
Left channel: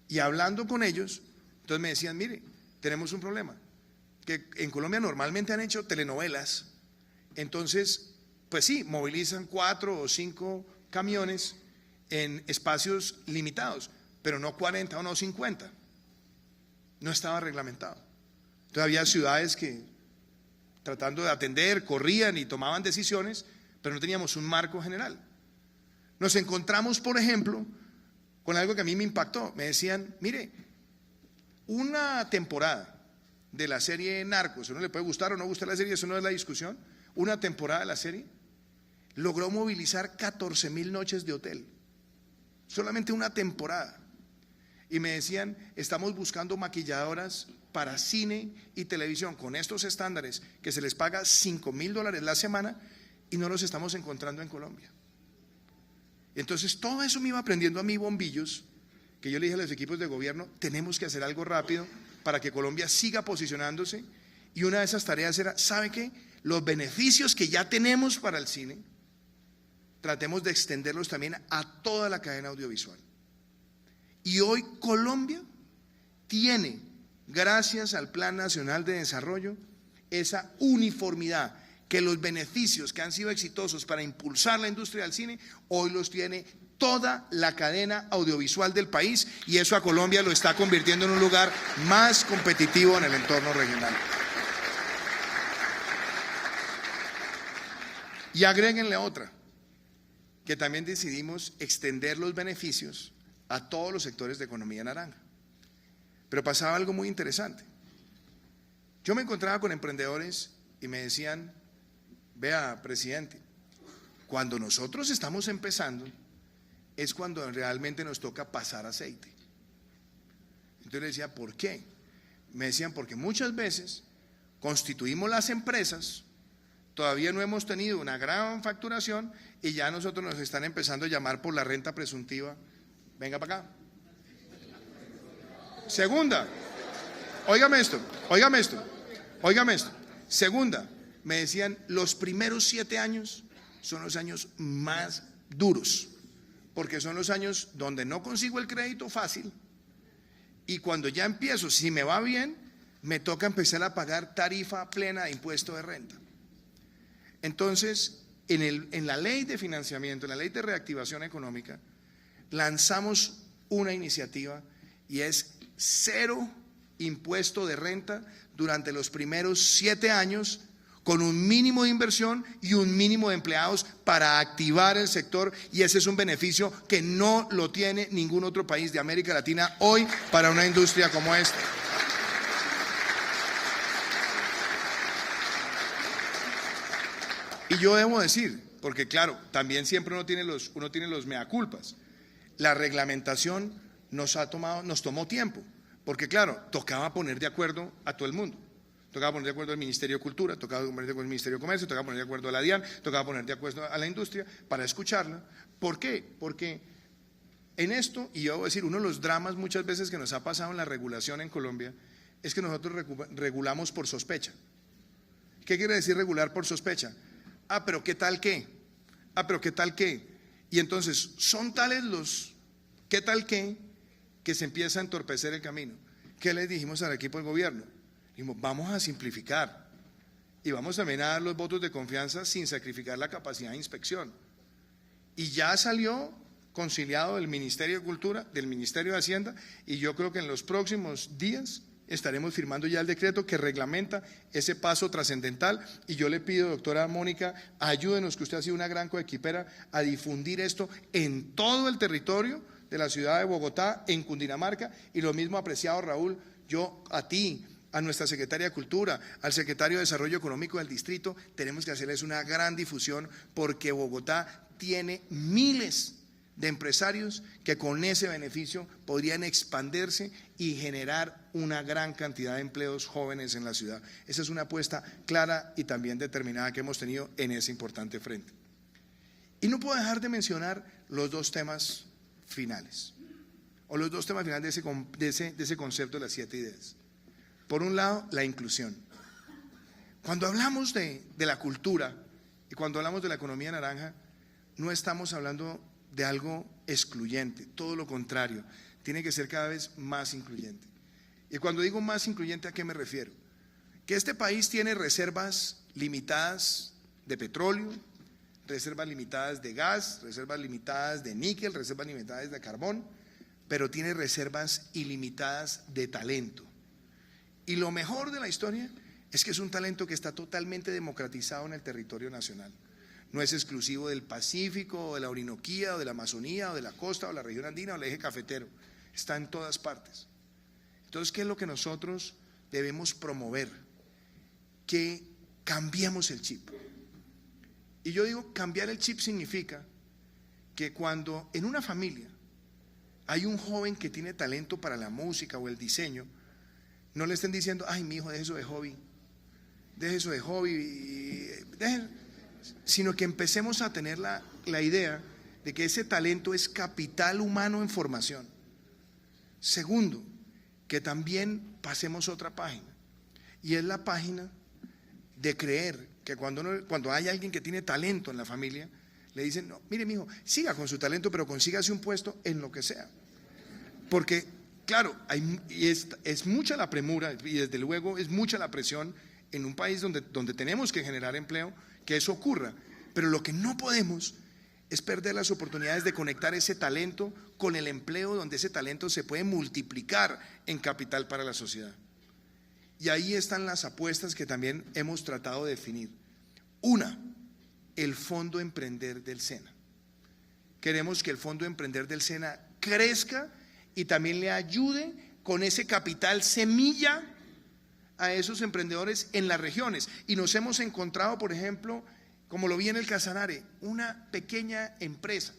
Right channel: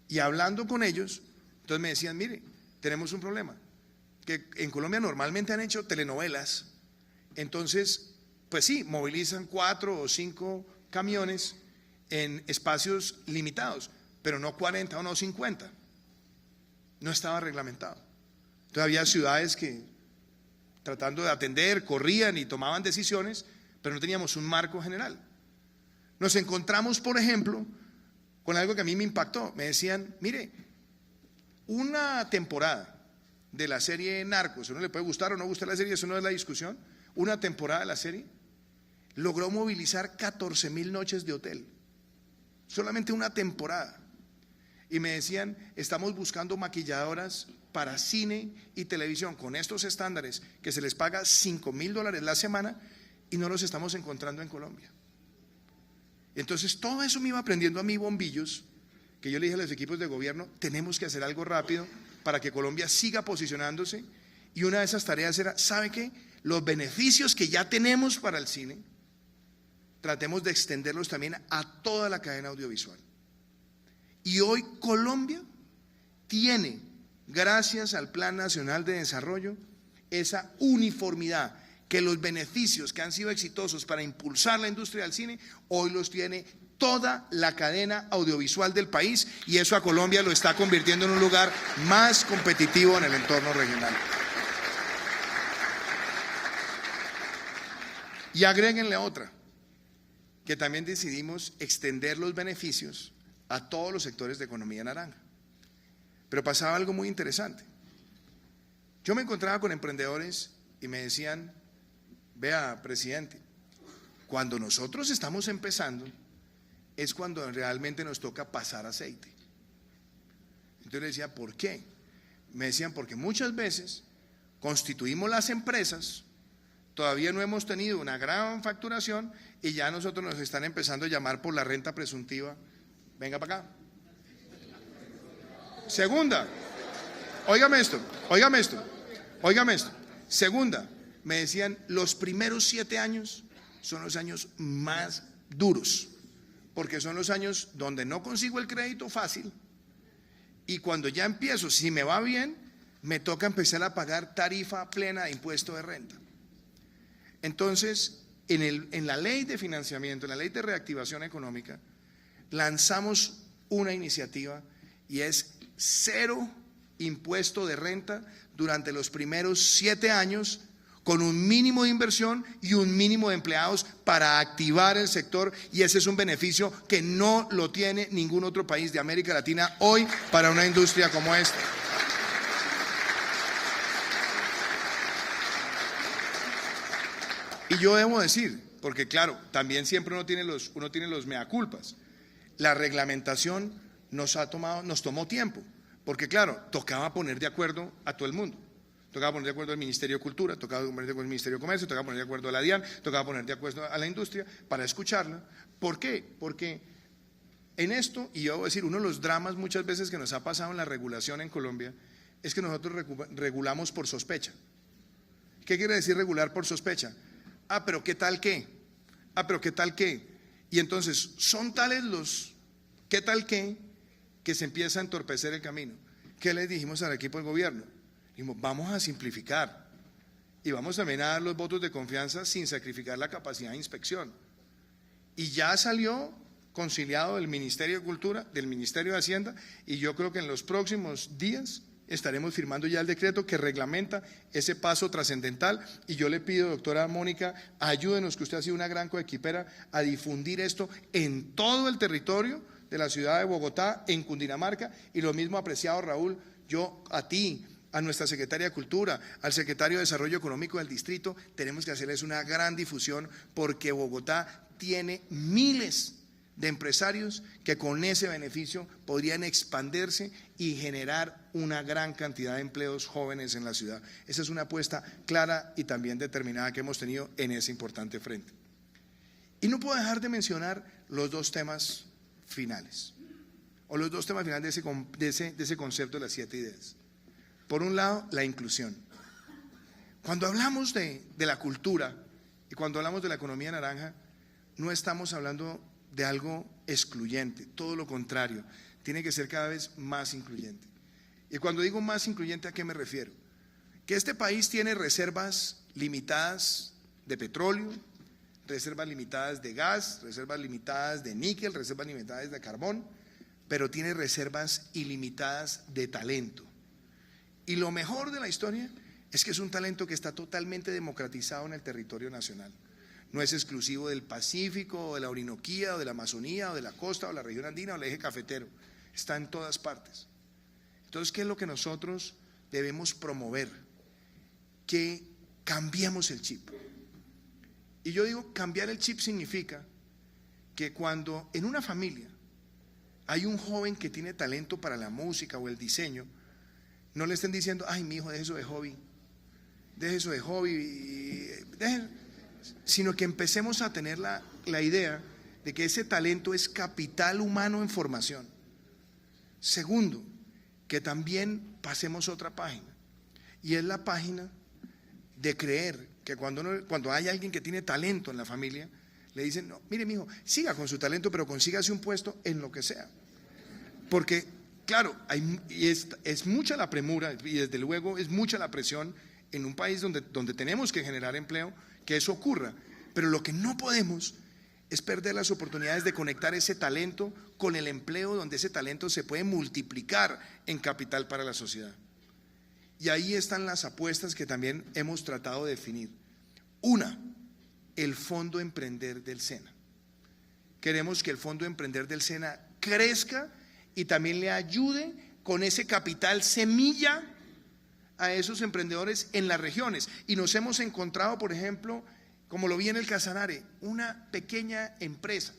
Y hablando con ellos, entonces me decían, mire, tenemos un problema, que en Colombia normalmente han hecho telenovelas, entonces, pues sí, movilizan 4 o 5 camiones en espacios limitados, pero no 40 o no 50, no estaba reglamentado. Entonces había ciudades que, tratando de atender, corrían y tomaban decisiones, pero no teníamos un marco general. Nos encontramos, por ejemplo, con algo que a mí me impactó. Me decían, mire, una temporada de la serie Narcos, a uno le puede gustar o no gustar la serie, eso no es la discusión, una temporada de la serie logró movilizar 14,000 noches de hotel, solamente una temporada. Y me decían, estamos buscando maquilladoras para cine y televisión con estos estándares que se les paga $5,000 la semana y no los estamos encontrando en Colombia. Entonces todo eso me iba aprendiendo a mí bombillos, que yo le dije a los equipos de gobierno, tenemos que hacer algo rápido para que Colombia siga posicionándose, y una de esas tareas era, ¿sabe qué? Los beneficios que ya tenemos para el cine, tratemos de extenderlos también a toda la cadena audiovisual. Y hoy Colombia tiene, gracias al Plan Nacional de Desarrollo, esa uniformidad, que los beneficios que han sido exitosos para impulsar la industria del cine, hoy los tiene toda la cadena audiovisual del país, y eso a Colombia lo está convirtiendo en un lugar más competitivo en el entorno regional. Y agréguenle otra, que también decidimos extender los beneficios a todos los sectores de economía naranja. Pero pasaba algo muy interesante. Yo me encontraba con emprendedores y me decían, vea, presidente, cuando nosotros estamos empezando es cuando realmente nos toca pasar aceite. Entonces le decía, ¿por qué? Me decían, porque muchas veces constituimos las empresas, todavía no hemos tenido una gran facturación y ya nosotros nos están empezando a llamar por la renta presuntiva. Venga para acá. Segunda, óigame esto. Segunda, me decían, los primeros 7 años son los años más duros, porque son los años donde no consigo el crédito fácil y cuando ya empiezo, si me va bien, me toca empezar a pagar tarifa plena de impuesto de renta. Entonces, en la ley de financiamiento, en la ley de reactivación económica, lanzamos una iniciativa y es 0 impuesto de renta durante los primeros 7 años, con un mínimo de inversión y un mínimo de empleados para activar el sector, y ese es un beneficio que no lo tiene ningún otro país de América Latina hoy para una industria como esta. Y yo debo decir, porque claro, también siempre uno tiene los mea culpas, la reglamentación nos tomó tiempo, porque claro, tocaba poner de acuerdo a todo el mundo. Tocaba poner de acuerdo al Ministerio de Cultura, tocaba poner de acuerdo al Ministerio de Comercio, tocaba poner de acuerdo a la DIAN, tocaba poner de acuerdo a la industria para escucharla. ¿Por qué? Porque en esto, y yo voy a decir, uno de los dramas muchas veces que nos ha pasado en la regulación en Colombia es que nosotros regulamos por sospecha. ¿Qué quiere decir regular por sospecha? Ah, pero ¿qué tal qué? Ah, pero ¿qué tal qué? Y entonces son tales los ¿qué tal qué? Que se empieza a entorpecer el camino. ¿Qué les dijimos al equipo de gobierno? Dijimos, vamos a simplificar y vamos también a dar los votos de confianza sin sacrificar la capacidad de inspección. Y ya salió conciliado del Ministerio de Cultura, del Ministerio de Hacienda, y yo creo que en los próximos días estaremos firmando ya el decreto que reglamenta ese paso trascendental. Y yo le pido, doctora Mónica, ayúdenos, que usted ha sido una gran coequipera, a difundir esto en todo el territorio de la ciudad de Bogotá, en Cundinamarca, y lo mismo, apreciado Raúl, yo a ti, a nuestra secretaria de Cultura, al secretario de Desarrollo Económico del distrito, tenemos que hacerles una gran difusión, porque Bogotá tiene miles de empresarios que con ese beneficio podrían expandirse y generar una gran cantidad de empleos jóvenes en la ciudad. Esa es una apuesta clara y también determinada que hemos tenido en ese importante frente. Y no puedo dejar de mencionar los dos temas finales, o los dos temas finales de ese concepto de las 7 ideas. Por un lado, la inclusión. Cuando hablamos de la cultura y cuando hablamos de la economía naranja, no estamos hablando de algo excluyente, todo lo contrario, tiene que ser cada vez más incluyente. Y cuando digo más incluyente, ¿a qué me refiero? Que este país tiene reservas limitadas de petróleo, reservas limitadas de gas, reservas limitadas de níquel, reservas limitadas de carbón, pero tiene reservas ilimitadas de talento. Y lo mejor de la historia es que es un talento que está totalmente democratizado en el territorio nacional. No es exclusivo del Pacífico, o de la Orinoquía, o de la Amazonía, o de la costa, o de la región andina, o del eje cafetero. Está en todas partes. Entonces, ¿qué es lo que nosotros debemos promover? Que cambiemos el chip. Y yo digo, cambiar el chip significa que cuando en una familia hay un joven que tiene talento para la música o el diseño, no le estén diciendo, ay, mi hijo, deje eso de hobby, sino que empecemos a tener la idea de que ese talento es capital humano en formación. Segundo, que también pasemos otra página, y es la página de creer que cuando hay alguien que tiene talento en la familia, le dicen, no, mire, mijo, siga con su talento, pero consígase un puesto en lo que sea. Porque claro, es mucha la premura y desde luego es mucha la presión en un país donde tenemos que generar empleo, que eso ocurra, pero lo que no podemos es perder las oportunidades de conectar ese talento con el empleo, donde ese talento se puede multiplicar en capital para la sociedad. Y ahí están las apuestas que también hemos tratado de definir. Una, el Fondo Emprender del SENA. Queremos que el Fondo Emprender del SENA crezca y también le ayude con ese capital semilla a esos emprendedores en las regiones. Y nos hemos encontrado, por ejemplo, como lo vi en el Casanare, una pequeña empresa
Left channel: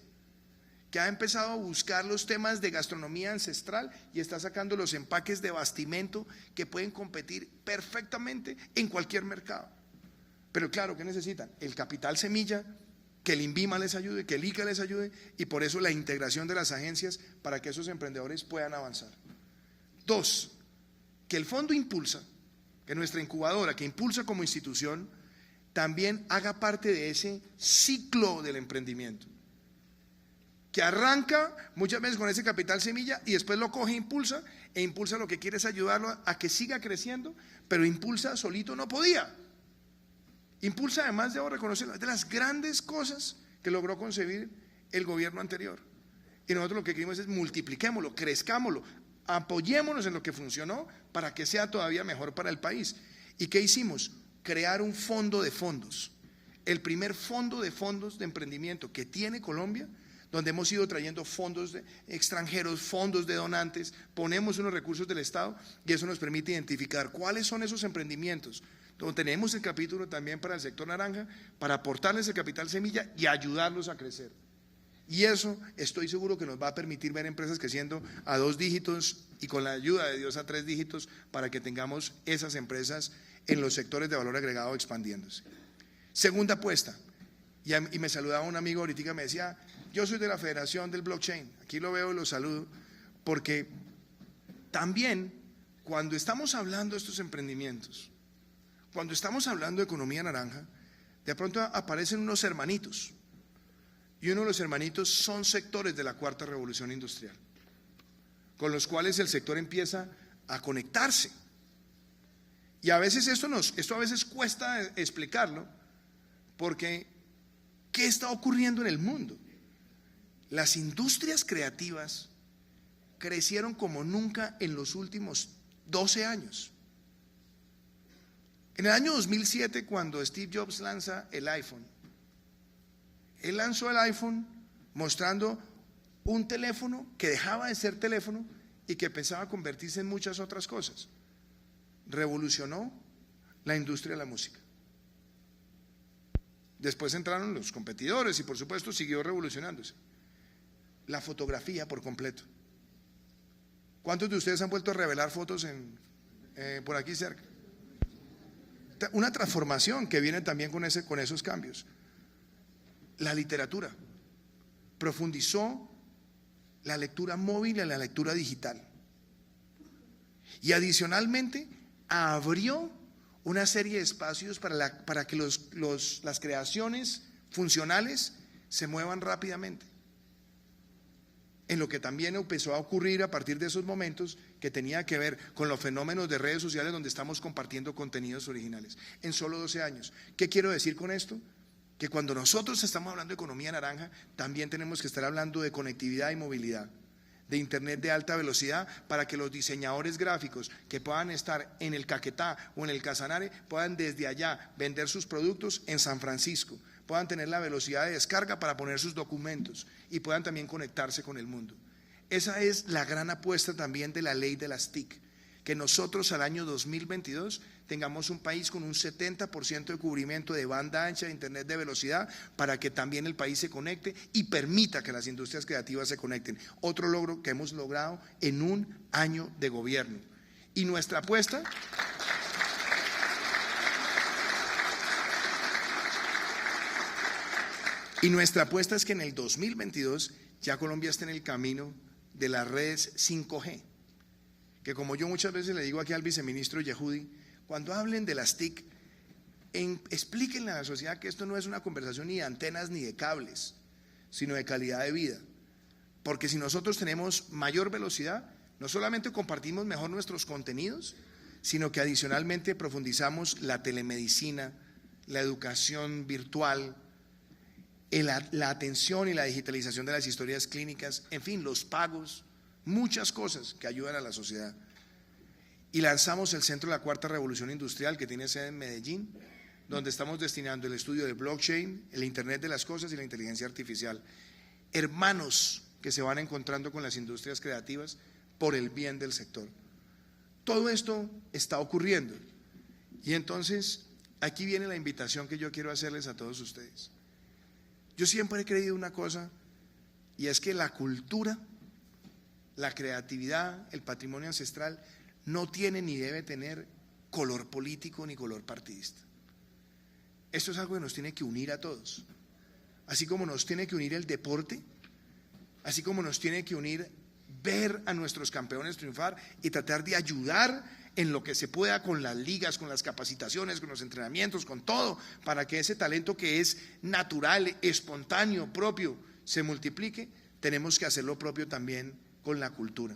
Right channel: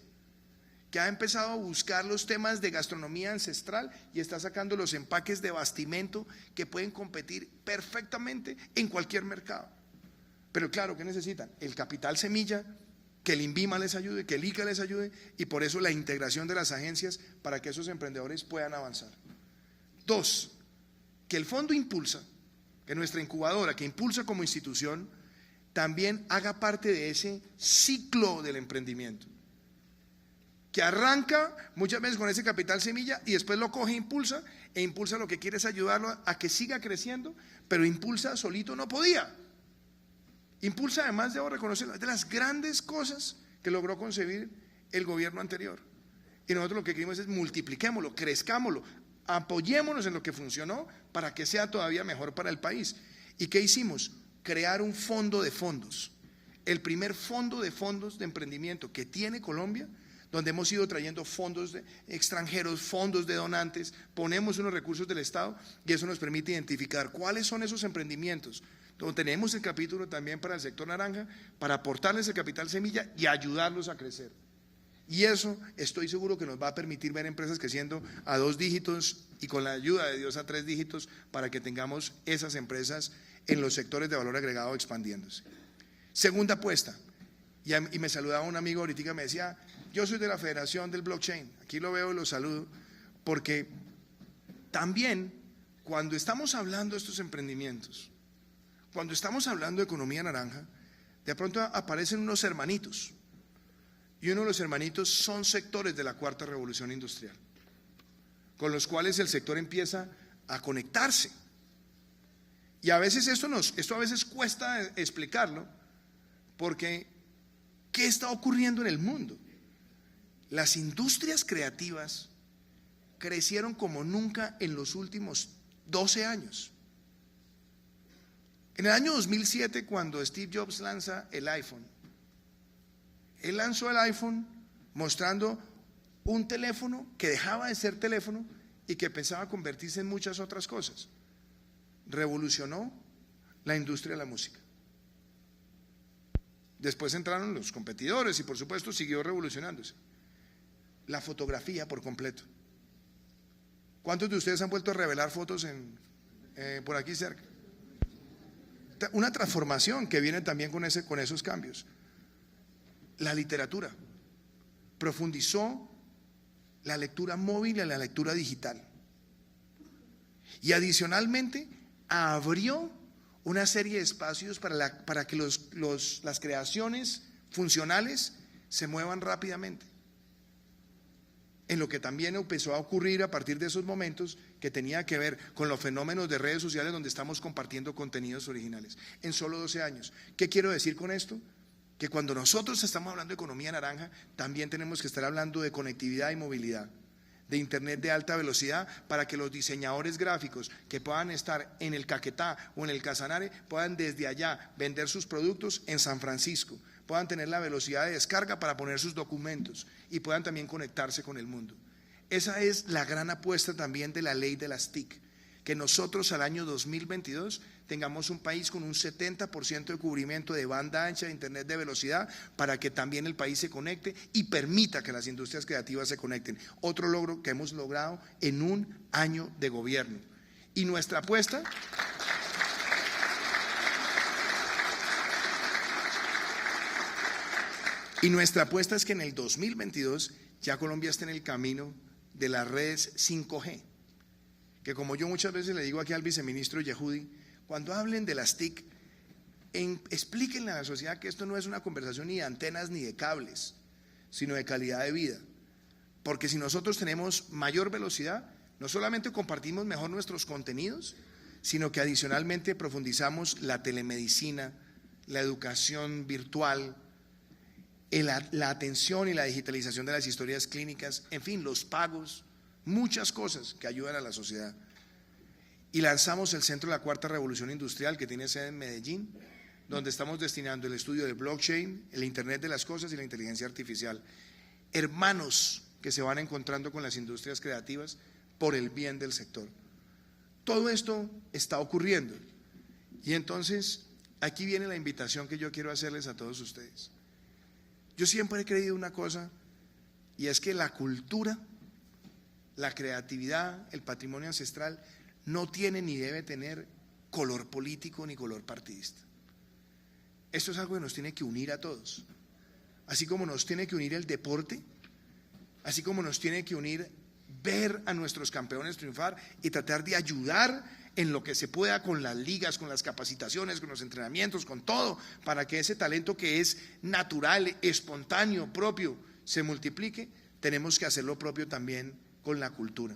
que ha empezado a buscar los temas de gastronomía ancestral y está sacando los empaques de bastimento que pueden competir perfectamente en cualquier mercado. Pero claro, ¿qué necesitan? El capital semilla, que el INVIMA les ayude, que el ICA les ayude, y por eso la integración de las agencias para que esos emprendedores puedan avanzar. Dos, que el fondo impulsa, que nuestra incubadora, que impulsa como institución, también haga parte de ese ciclo del emprendimiento, que arranca muchas veces con ese capital semilla y después lo coge e impulsa lo que quiere es ayudarlo a que siga creciendo, pero impulsa solito no podía. Impulsa, además, debo reconocerlo, es de las grandes cosas que logró concebir el gobierno anterior. Y nosotros lo que queremos es multipliquémoslo, crezcámoslo, apoyémonos en lo que funcionó para que sea todavía mejor para el país. ¿Y qué hicimos? Crear un fondo de fondos, el primer fondo de fondos de emprendimiento que tiene Colombia, donde hemos ido trayendo fondos extranjeros, fondos de donantes, ponemos unos recursos del Estado y eso nos permite identificar cuáles son esos emprendimientos. Donde tenemos el capítulo también para el sector naranja, para aportarles el capital semilla y ayudarlos a crecer. Y eso estoy seguro que nos va a permitir ver empresas creciendo a 2 dígitos y con la ayuda de Dios a 3 dígitos para que tengamos esas empresas en los sectores de valor agregado expandiéndose. Segunda apuesta, y me saludaba un amigo ahorita, me decía, yo soy de la Federación del Blockchain, aquí lo veo y lo saludo, porque también cuando estamos hablando de estos emprendimientos, cuando estamos hablando de economía naranja, de pronto aparecen unos hermanitos, y uno de los hermanitos son sectores de la cuarta revolución industrial, con los cuales el sector empieza a conectarse. Y a veces esto a veces cuesta explicarlo, porque ¿qué está ocurriendo en el mundo? Las industrias creativas crecieron como nunca en los últimos 12 años. En el año 2007, cuando Steve Jobs lanza el iPhone, él lanzó el iPhone mostrando un teléfono que dejaba de ser teléfono y que pensaba convertirse en muchas otras cosas. Revolucionó la industria de la música. Después entraron los competidores y por supuesto siguió revolucionándose. La fotografía por completo. ¿Cuántos de ustedes han vuelto a revelar fotos por aquí cerca? Una transformación que viene también con esos cambios. La literatura profundizó la lectura móvil y la lectura digital. Y adicionalmente abrió una serie de espacios para que las creaciones funcionales se muevan rápidamente. En lo que también empezó a ocurrir a partir de esos momentos que tenía que ver con los fenómenos de redes sociales donde estamos compartiendo contenidos originales en solo 12 años. ¿Qué quiero decir con esto? Que cuando nosotros estamos hablando de economía naranja, también tenemos que estar hablando de conectividad y movilidad, de internet de alta velocidad, para que los diseñadores gráficos que puedan estar en el Caquetá o en el Casanare puedan desde allá vender sus productos en San Francisco, puedan tener la velocidad de descarga para poner sus documentos y puedan también conectarse con el mundo. Esa es la gran apuesta también de la ley de las TIC, que nosotros al año 2022 tengamos un país con un 70% de cubrimiento de banda ancha de internet de velocidad para que también el país se conecte y permita que las industrias creativas se conecten. Otro logro que hemos logrado en un año de gobierno. Y nuestra apuesta es que en el 2022 ya Colombia esté en el camino de las redes 5G, que como yo muchas veces le digo aquí al viceministro Yehudi, cuando hablen de las TIC, explíquenle a la sociedad que esto no es una conversación ni de antenas ni de cables, sino de calidad de vida, porque si nosotros tenemos mayor velocidad, no solamente compartimos mejor nuestros contenidos, sino que adicionalmente profundizamos la telemedicina, la educación virtual, la atención y la digitalización de las historias clínicas, en fin, los pagos, muchas cosas que ayudan a la sociedad. Y lanzamos el Centro de la Cuarta Revolución Industrial, que tiene sede en Medellín, donde estamos destinando el estudio de blockchain, el Internet de las cosas y la inteligencia artificial. Hermanos que se van encontrando con las industrias creativas por el bien del sector. Todo esto está ocurriendo. Y entonces, aquí viene la invitación que yo quiero hacerles a todos ustedes. Yo siempre he creído una cosa, y es que la cultura, la creatividad, el patrimonio ancestral no tiene ni debe tener color político ni color partidista. Esto es algo que nos tiene que unir a todos, así como nos tiene que unir el deporte, así como nos tiene que unir ver a nuestros campeones triunfar y tratar de ayudar en lo que se pueda con las ligas, con las capacitaciones, con los entrenamientos, con todo, para que ese talento que es natural, espontáneo, propio, se multiplique. Tenemos que hacer lo propio también con la cultura.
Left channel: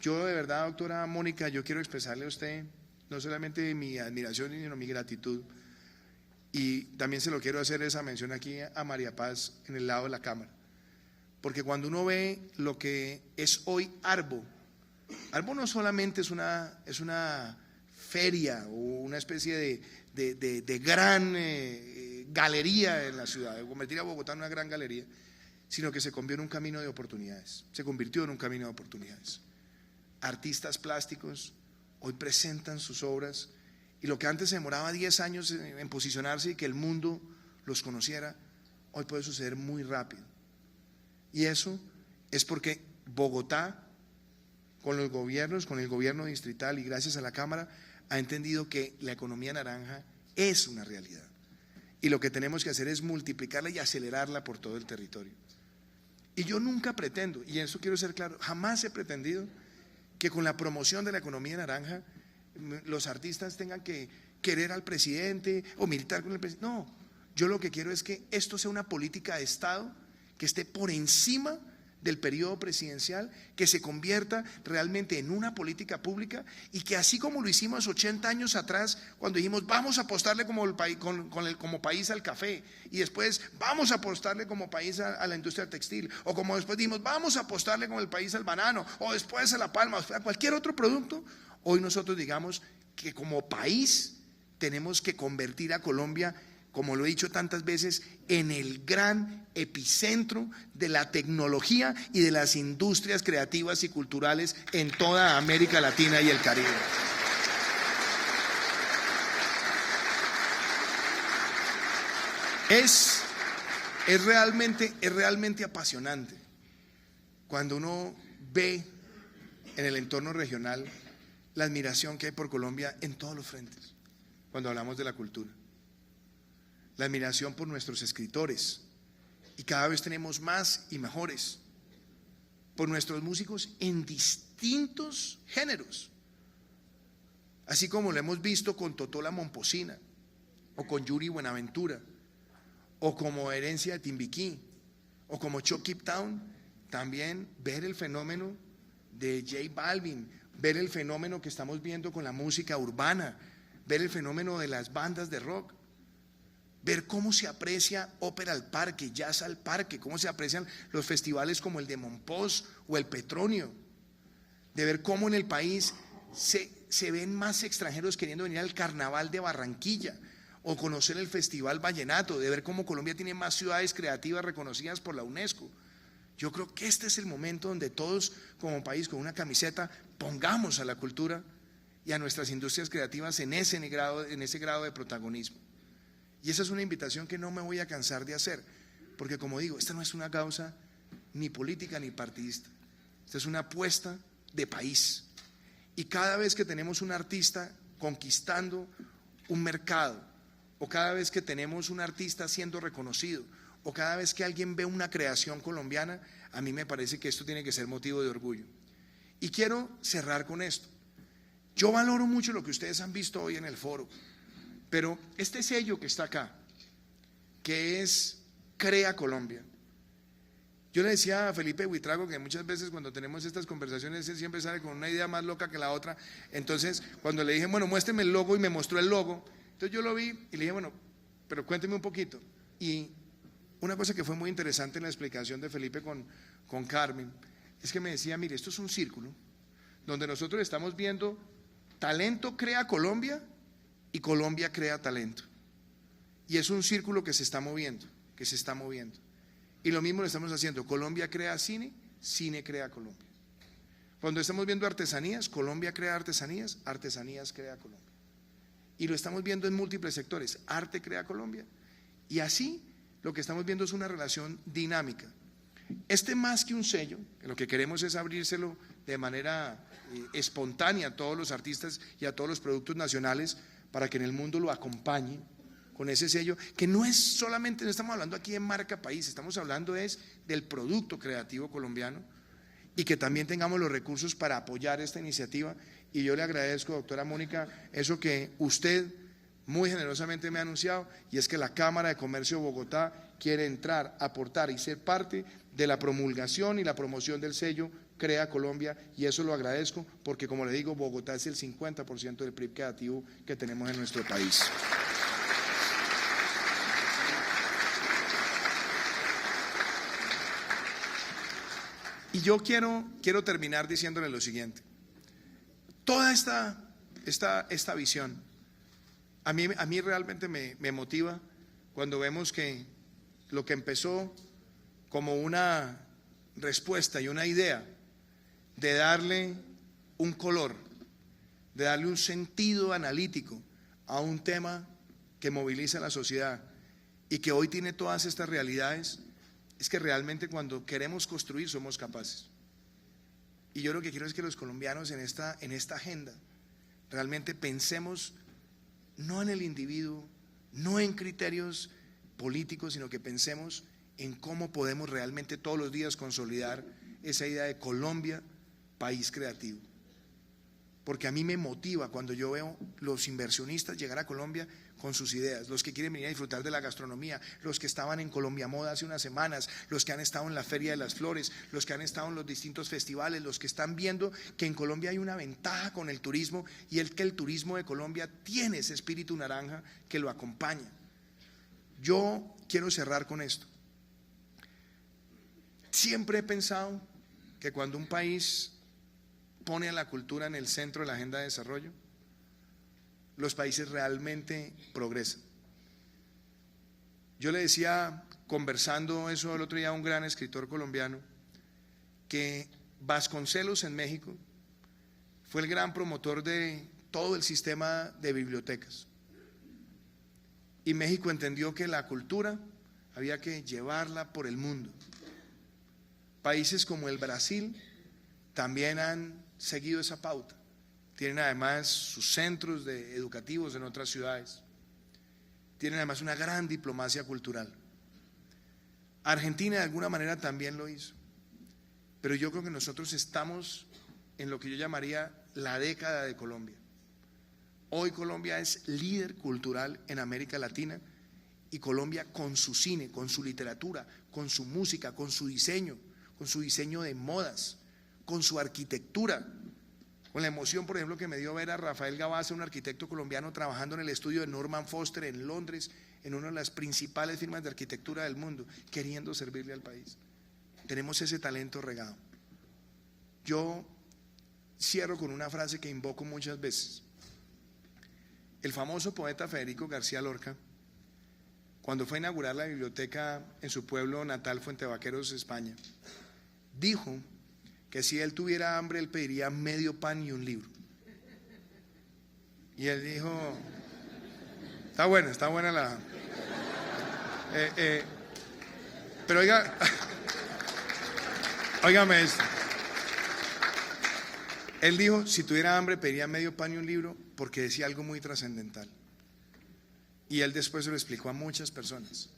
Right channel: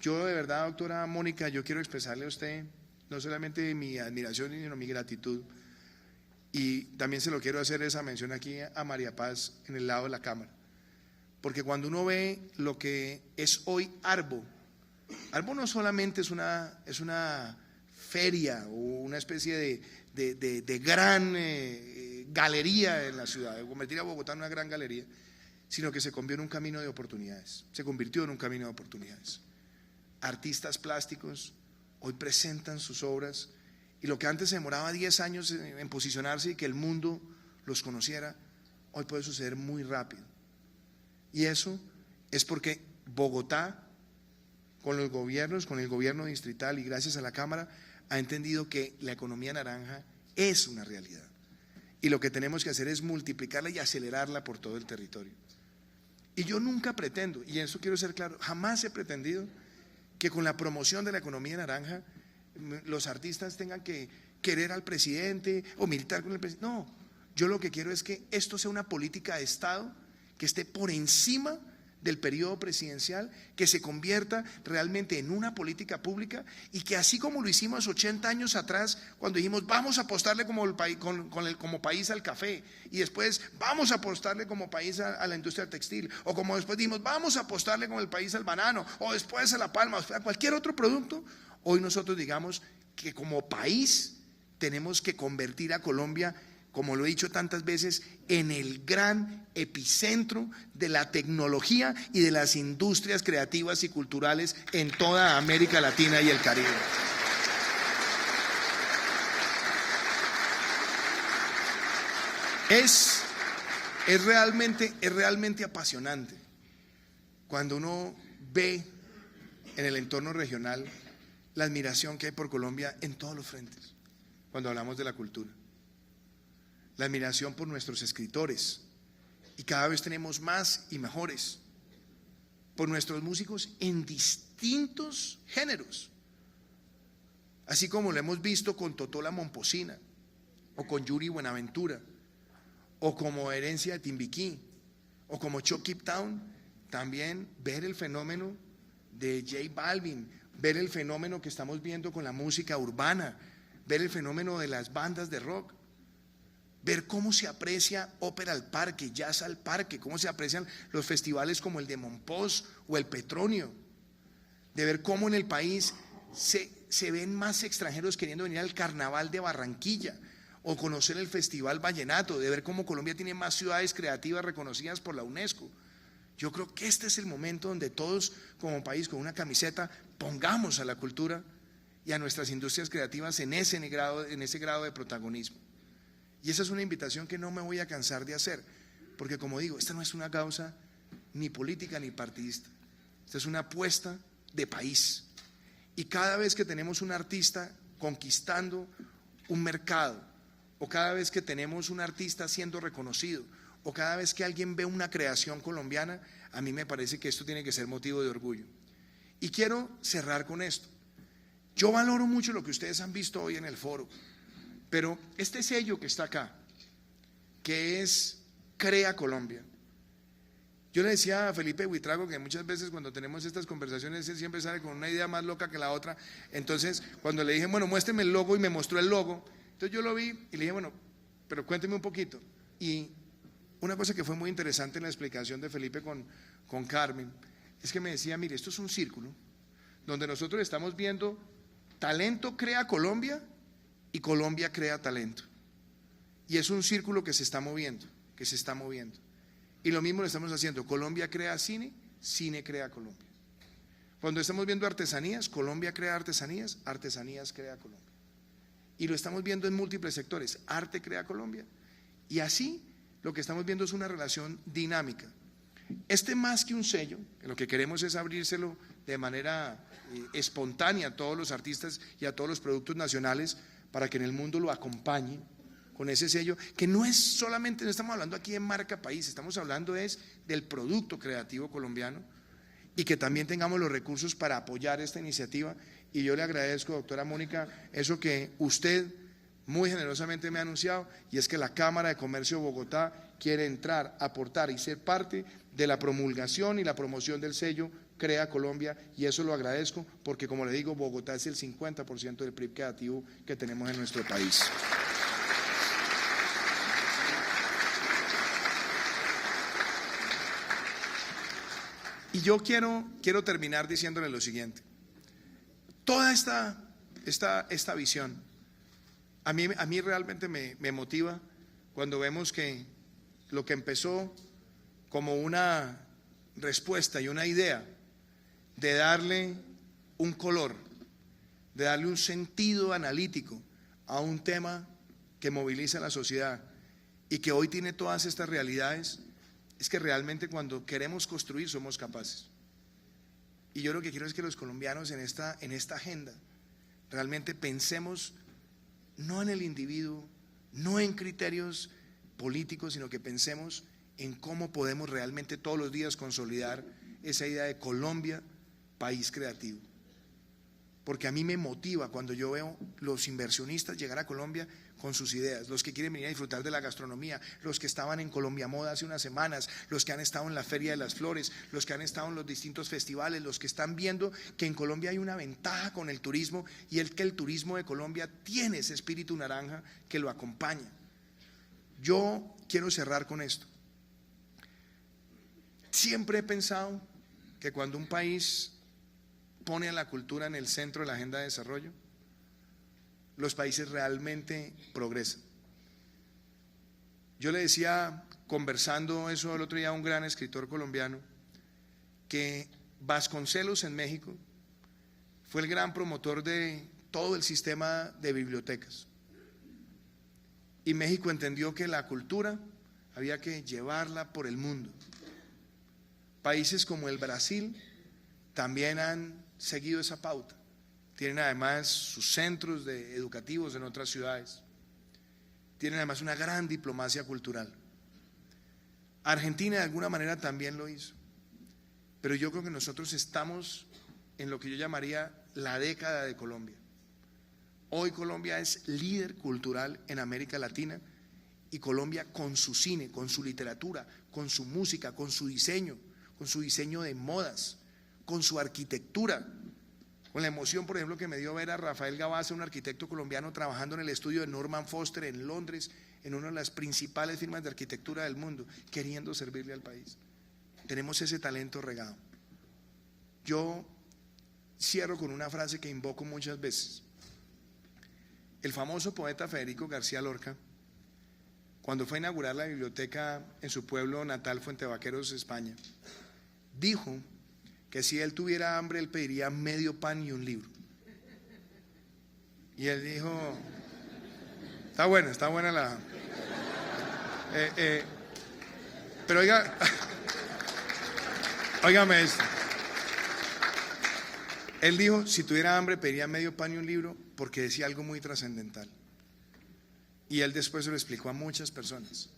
Yo de verdad, doctora Mónica, yo quiero expresarle a usted no solamente mi admiración, sino mi gratitud. Y también se lo quiero hacer esa mención aquí a María Paz en el lado de la cámara. Porque cuando uno ve lo que es hoy Arbo no solamente es una feria o una especie de gran galería en la ciudad, de convertir a Bogotá en una gran galería, sino que se convirtió en un camino de oportunidades. Artistas plásticos hoy presentan sus obras, y lo que antes se demoraba 10 años en posicionarse y que el mundo los conociera, hoy puede suceder muy rápido. Y eso es porque Bogotá, con los gobiernos, con el gobierno distrital y gracias a la Cámara, ha entendido que la economía naranja es una realidad. Y lo que tenemos que hacer es multiplicarla y acelerarla por todo el territorio. Y yo nunca pretendo, y en eso quiero ser claro, jamás he pretendido que con la promoción de la economía naranja los artistas tengan que querer al presidente o militar con el presidente. No, yo lo que quiero es que esto sea una política de Estado que esté por encima del periodo presidencial, que se convierta realmente en una política pública, y que así como lo hicimos 80 años atrás, cuando dijimos vamos a apostarle como país al café, y después vamos a apostarle como país a la industria textil, o como después dijimos vamos a apostarle como el país al banano, o después a la palma, a cualquier otro producto, hoy nosotros digamos que como país tenemos que convertir a Colombia, como lo he dicho tantas veces, en el gran epicentro de la tecnología y de las industrias creativas y culturales en toda América Latina y el Caribe. Es realmente apasionante cuando uno ve en el entorno regional la admiración que hay por Colombia en todos los frentes, cuando hablamos de la cultura. La admiración por nuestros escritores, y cada vez tenemos más y mejores, por nuestros músicos en distintos géneros, así como lo hemos visto con Totola Momposina, o con Yuri Buenaventura, o como Herencia de Timbiquí, o como Chucky Town. También ver el fenómeno de J Balvin, ver el fenómeno que estamos viendo con la música urbana, ver el fenómeno de las bandas de rock, ver cómo se aprecia ópera al parque, jazz al parque, cómo se aprecian los festivales como el de Monpós o el Petronio, de ver cómo en el país se ven más extranjeros queriendo venir al Carnaval de Barranquilla o conocer el Festival Vallenato, de ver cómo Colombia tiene más ciudades creativas reconocidas por la UNESCO. Yo creo que este es el momento donde todos como país con una camiseta pongamos a la cultura y a nuestras industrias creativas en ese grado de protagonismo. Y esa es una invitación que no me voy a cansar de hacer, porque como digo, esta no es una causa ni política ni partidista, esta es una apuesta de país. Y cada vez que tenemos un artista conquistando un mercado, o cada vez que tenemos un artista siendo reconocido, o cada vez que alguien ve una creación colombiana, a mí me parece que esto tiene que ser motivo de orgullo. Y quiero cerrar con esto. Yo valoro mucho lo que ustedes han visto hoy en el foro, pero este sello que está acá, que es Crea Colombia. Yo le decía a Felipe Buitrago que muchas veces cuando tenemos estas conversaciones él siempre sale con una idea más loca que la otra. Entonces cuando le dije, bueno, muéstrame el logo, y me mostró el logo, entonces yo lo vi y le dije, bueno, pero cuénteme un poquito. Y una cosa que fue muy interesante en la explicación de Felipe con Carmen, es que me decía, mire, esto es un círculo donde nosotros estamos viendo talento crea Colombia y Colombia crea talento. Y es un círculo que se está moviendo, Y lo mismo lo estamos haciendo. Colombia crea cine, cine crea Colombia. Cuando estamos viendo artesanías, Colombia crea artesanías, artesanías crea Colombia. Y lo estamos viendo en múltiples sectores. Arte crea Colombia. Y así lo que estamos viendo es una relación dinámica. Más que un sello, lo que queremos es abrírselo de manera espontánea a todos los artistas y a todos los productos nacionales, para que en el mundo lo acompañe con ese sello, que no es solamente, no estamos hablando aquí de marca país, estamos hablando del producto creativo colombiano, y que también tengamos los recursos para apoyar esta iniciativa y yo le agradezco, doctora Mónica, eso que usted muy generosamente me ha anunciado, y es que la Cámara de Comercio de Bogotá quiere entrar, aportar y ser parte de la promulgación y la promoción del sello Crea Colombia, y eso lo agradezco porque, como le digo, Bogotá es el 50% del PIB creativo que tenemos en nuestro país. Y yo quiero terminar diciéndole lo siguiente. Toda esta visión a mí realmente me motiva cuando vemos que lo que empezó como una respuesta y una idea de darle un color, de darle un sentido analítico a un tema que moviliza a la sociedad y que hoy tiene todas estas realidades, es que realmente cuando queremos construir somos capaces. Y yo lo que quiero es que los colombianos en esta agenda realmente pensemos no en el individuo, no en criterios políticos, sino que pensemos en cómo podemos realmente todos los días consolidar esa idea de Colombia, país creativo. Porque a mí me motiva cuando yo veo los inversionistas llegar a Colombia con sus ideas, los que quieren venir a disfrutar de la gastronomía, los que estaban en Colombia Moda hace unas semanas, los que han estado en la Feria de las Flores, los que han estado en los distintos festivales, los que están viendo que en Colombia hay una ventaja con el turismo, y que el turismo de Colombia tiene ese espíritu naranja que lo acompaña. Yo quiero cerrar con esto. Siempre he pensado que cuando un país pone a la cultura en el centro de la agenda de desarrollo, los países realmente progresan. Yo le decía, conversando eso el otro día a un gran escritor colombiano, que Vasconcelos en México fue el gran promotor de todo el sistema de bibliotecas. Y México entendió que la cultura había que llevarla por el mundo. Países como el Brasil también han seguido esa pauta. Tienen además sus centros educativos en otras ciudades. Tienen además una gran diplomacia cultural. Argentina de alguna manera también lo hizo. Pero yo creo que nosotros estamos en lo que yo llamaría la década de Colombia. Hoy Colombia es líder cultural en América Latina, y Colombia con su cine, con su literatura, con su música, con su diseño de modas, con su arquitectura, con la emoción, por ejemplo, que me dio ver a Rafael Gabasa, un arquitecto colombiano, trabajando en el estudio de Norman Foster en Londres, en una de las principales firmas de arquitectura del mundo, queriendo servirle al país. Tenemos ese talento regado. Yo cierro con una frase que invoco muchas veces. El famoso poeta Federico García Lorca, cuando fue a inaugurar la biblioteca en su pueblo natal, Fuentevaqueros, España, dijo que si él tuviera hambre, él pediría medio pan y un libro. Y él dijo, está buena la... pero óigame esto. Él dijo, si tuviera hambre, pediría medio pan y un libro, porque decía algo muy trascendental. Y él después se lo explicó a muchas personas.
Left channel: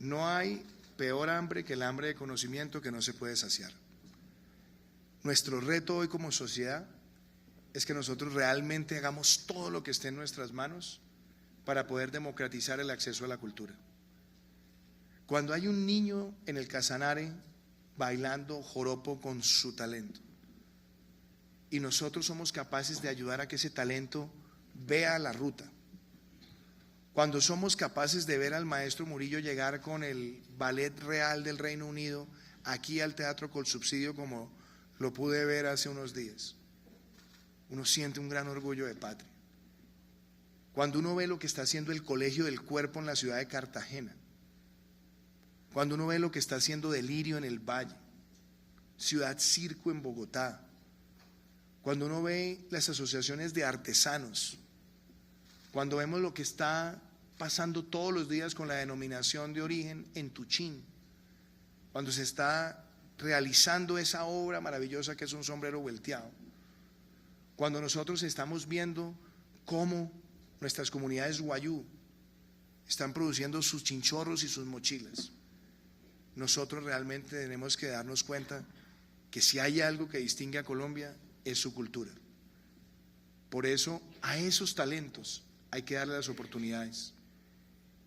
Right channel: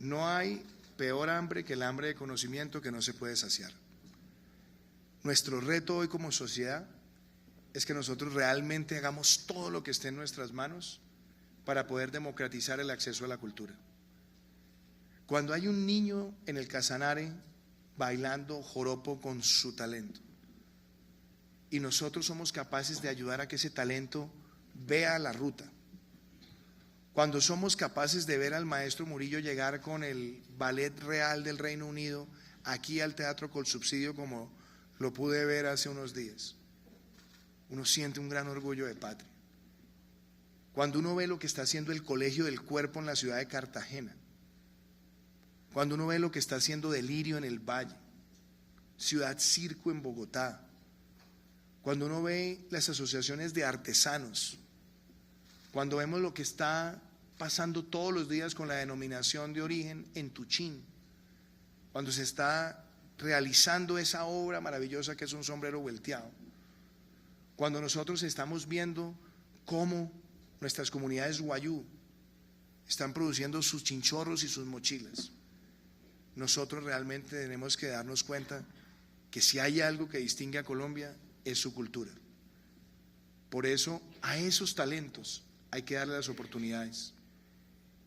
No hay peor hambre que el hambre de conocimiento que no se puede saciar. Nuestro reto hoy como sociedad es que nosotros realmente hagamos todo lo que esté en nuestras manos para poder democratizar el acceso a la cultura. Cuando hay un niño en el Casanare bailando joropo con su talento, y nosotros somos capaces de ayudar a que ese talento vea la ruta, cuando somos capaces de ver al maestro Murillo llegar con el Ballet Real del Reino Unido aquí al Teatro Colsubsidio, como lo pude ver hace unos días, uno siente un gran orgullo de patria. Cuando uno ve lo que está haciendo el Colegio del Cuerpo en la ciudad de Cartagena, cuando uno ve lo que está haciendo Delirio en el Valle, Ciudad Circo en Bogotá, cuando uno ve las asociaciones de artesanos, cuando vemos lo que está pasando todos los días con la denominación de origen en Tuchín, cuando se está realizando esa obra maravillosa que es un sombrero vuelteado, cuando nosotros estamos viendo cómo nuestras comunidades wayú están produciendo sus chinchorros y sus mochilas, nosotros realmente tenemos que darnos cuenta que si hay algo que distingue a Colombia es su cultura. Por eso a esos talentos hay que darle las oportunidades.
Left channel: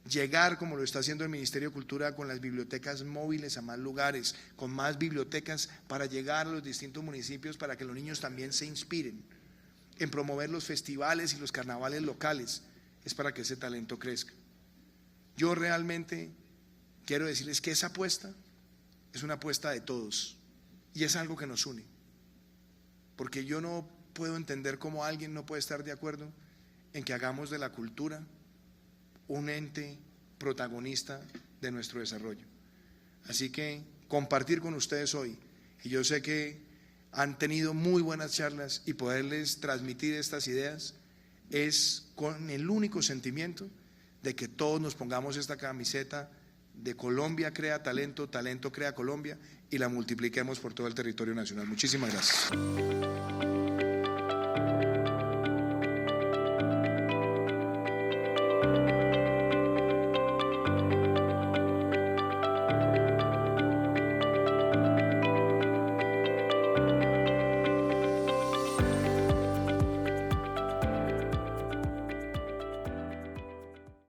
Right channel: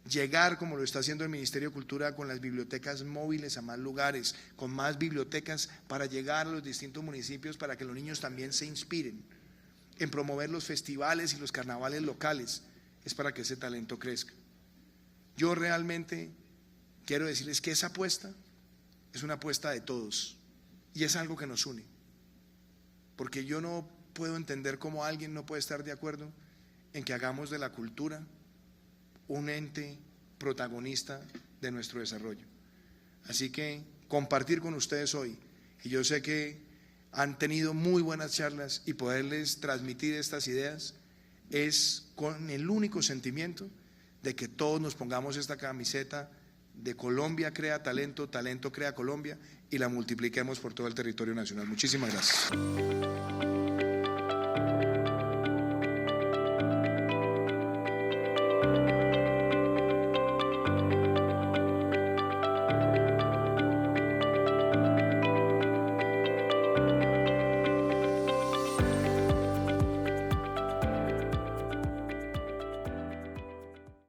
Llegar, como lo está haciendo el Ministerio de Cultura, con las bibliotecas móviles a más lugares, con más bibliotecas para llegar a los distintos municipios, para que los niños también se inspiren en promover los festivales y los carnavales locales, es para que ese talento crezca. Yo realmente quiero decirles que esa apuesta es una apuesta de todos y es algo que nos une, porque yo no puedo entender cómo alguien no puede estar de acuerdo en que hagamos de la cultura un ente protagonista de nuestro desarrollo. Así que compartir con ustedes hoy, y yo sé que han tenido muy buenas charlas, y poderles transmitir estas ideas es con el único sentimiento de que todos nos pongamos esta camiseta de Colombia crea talento, talento crea Colombia, y la multipliquemos por todo el territorio nacional. Muchísimas gracias.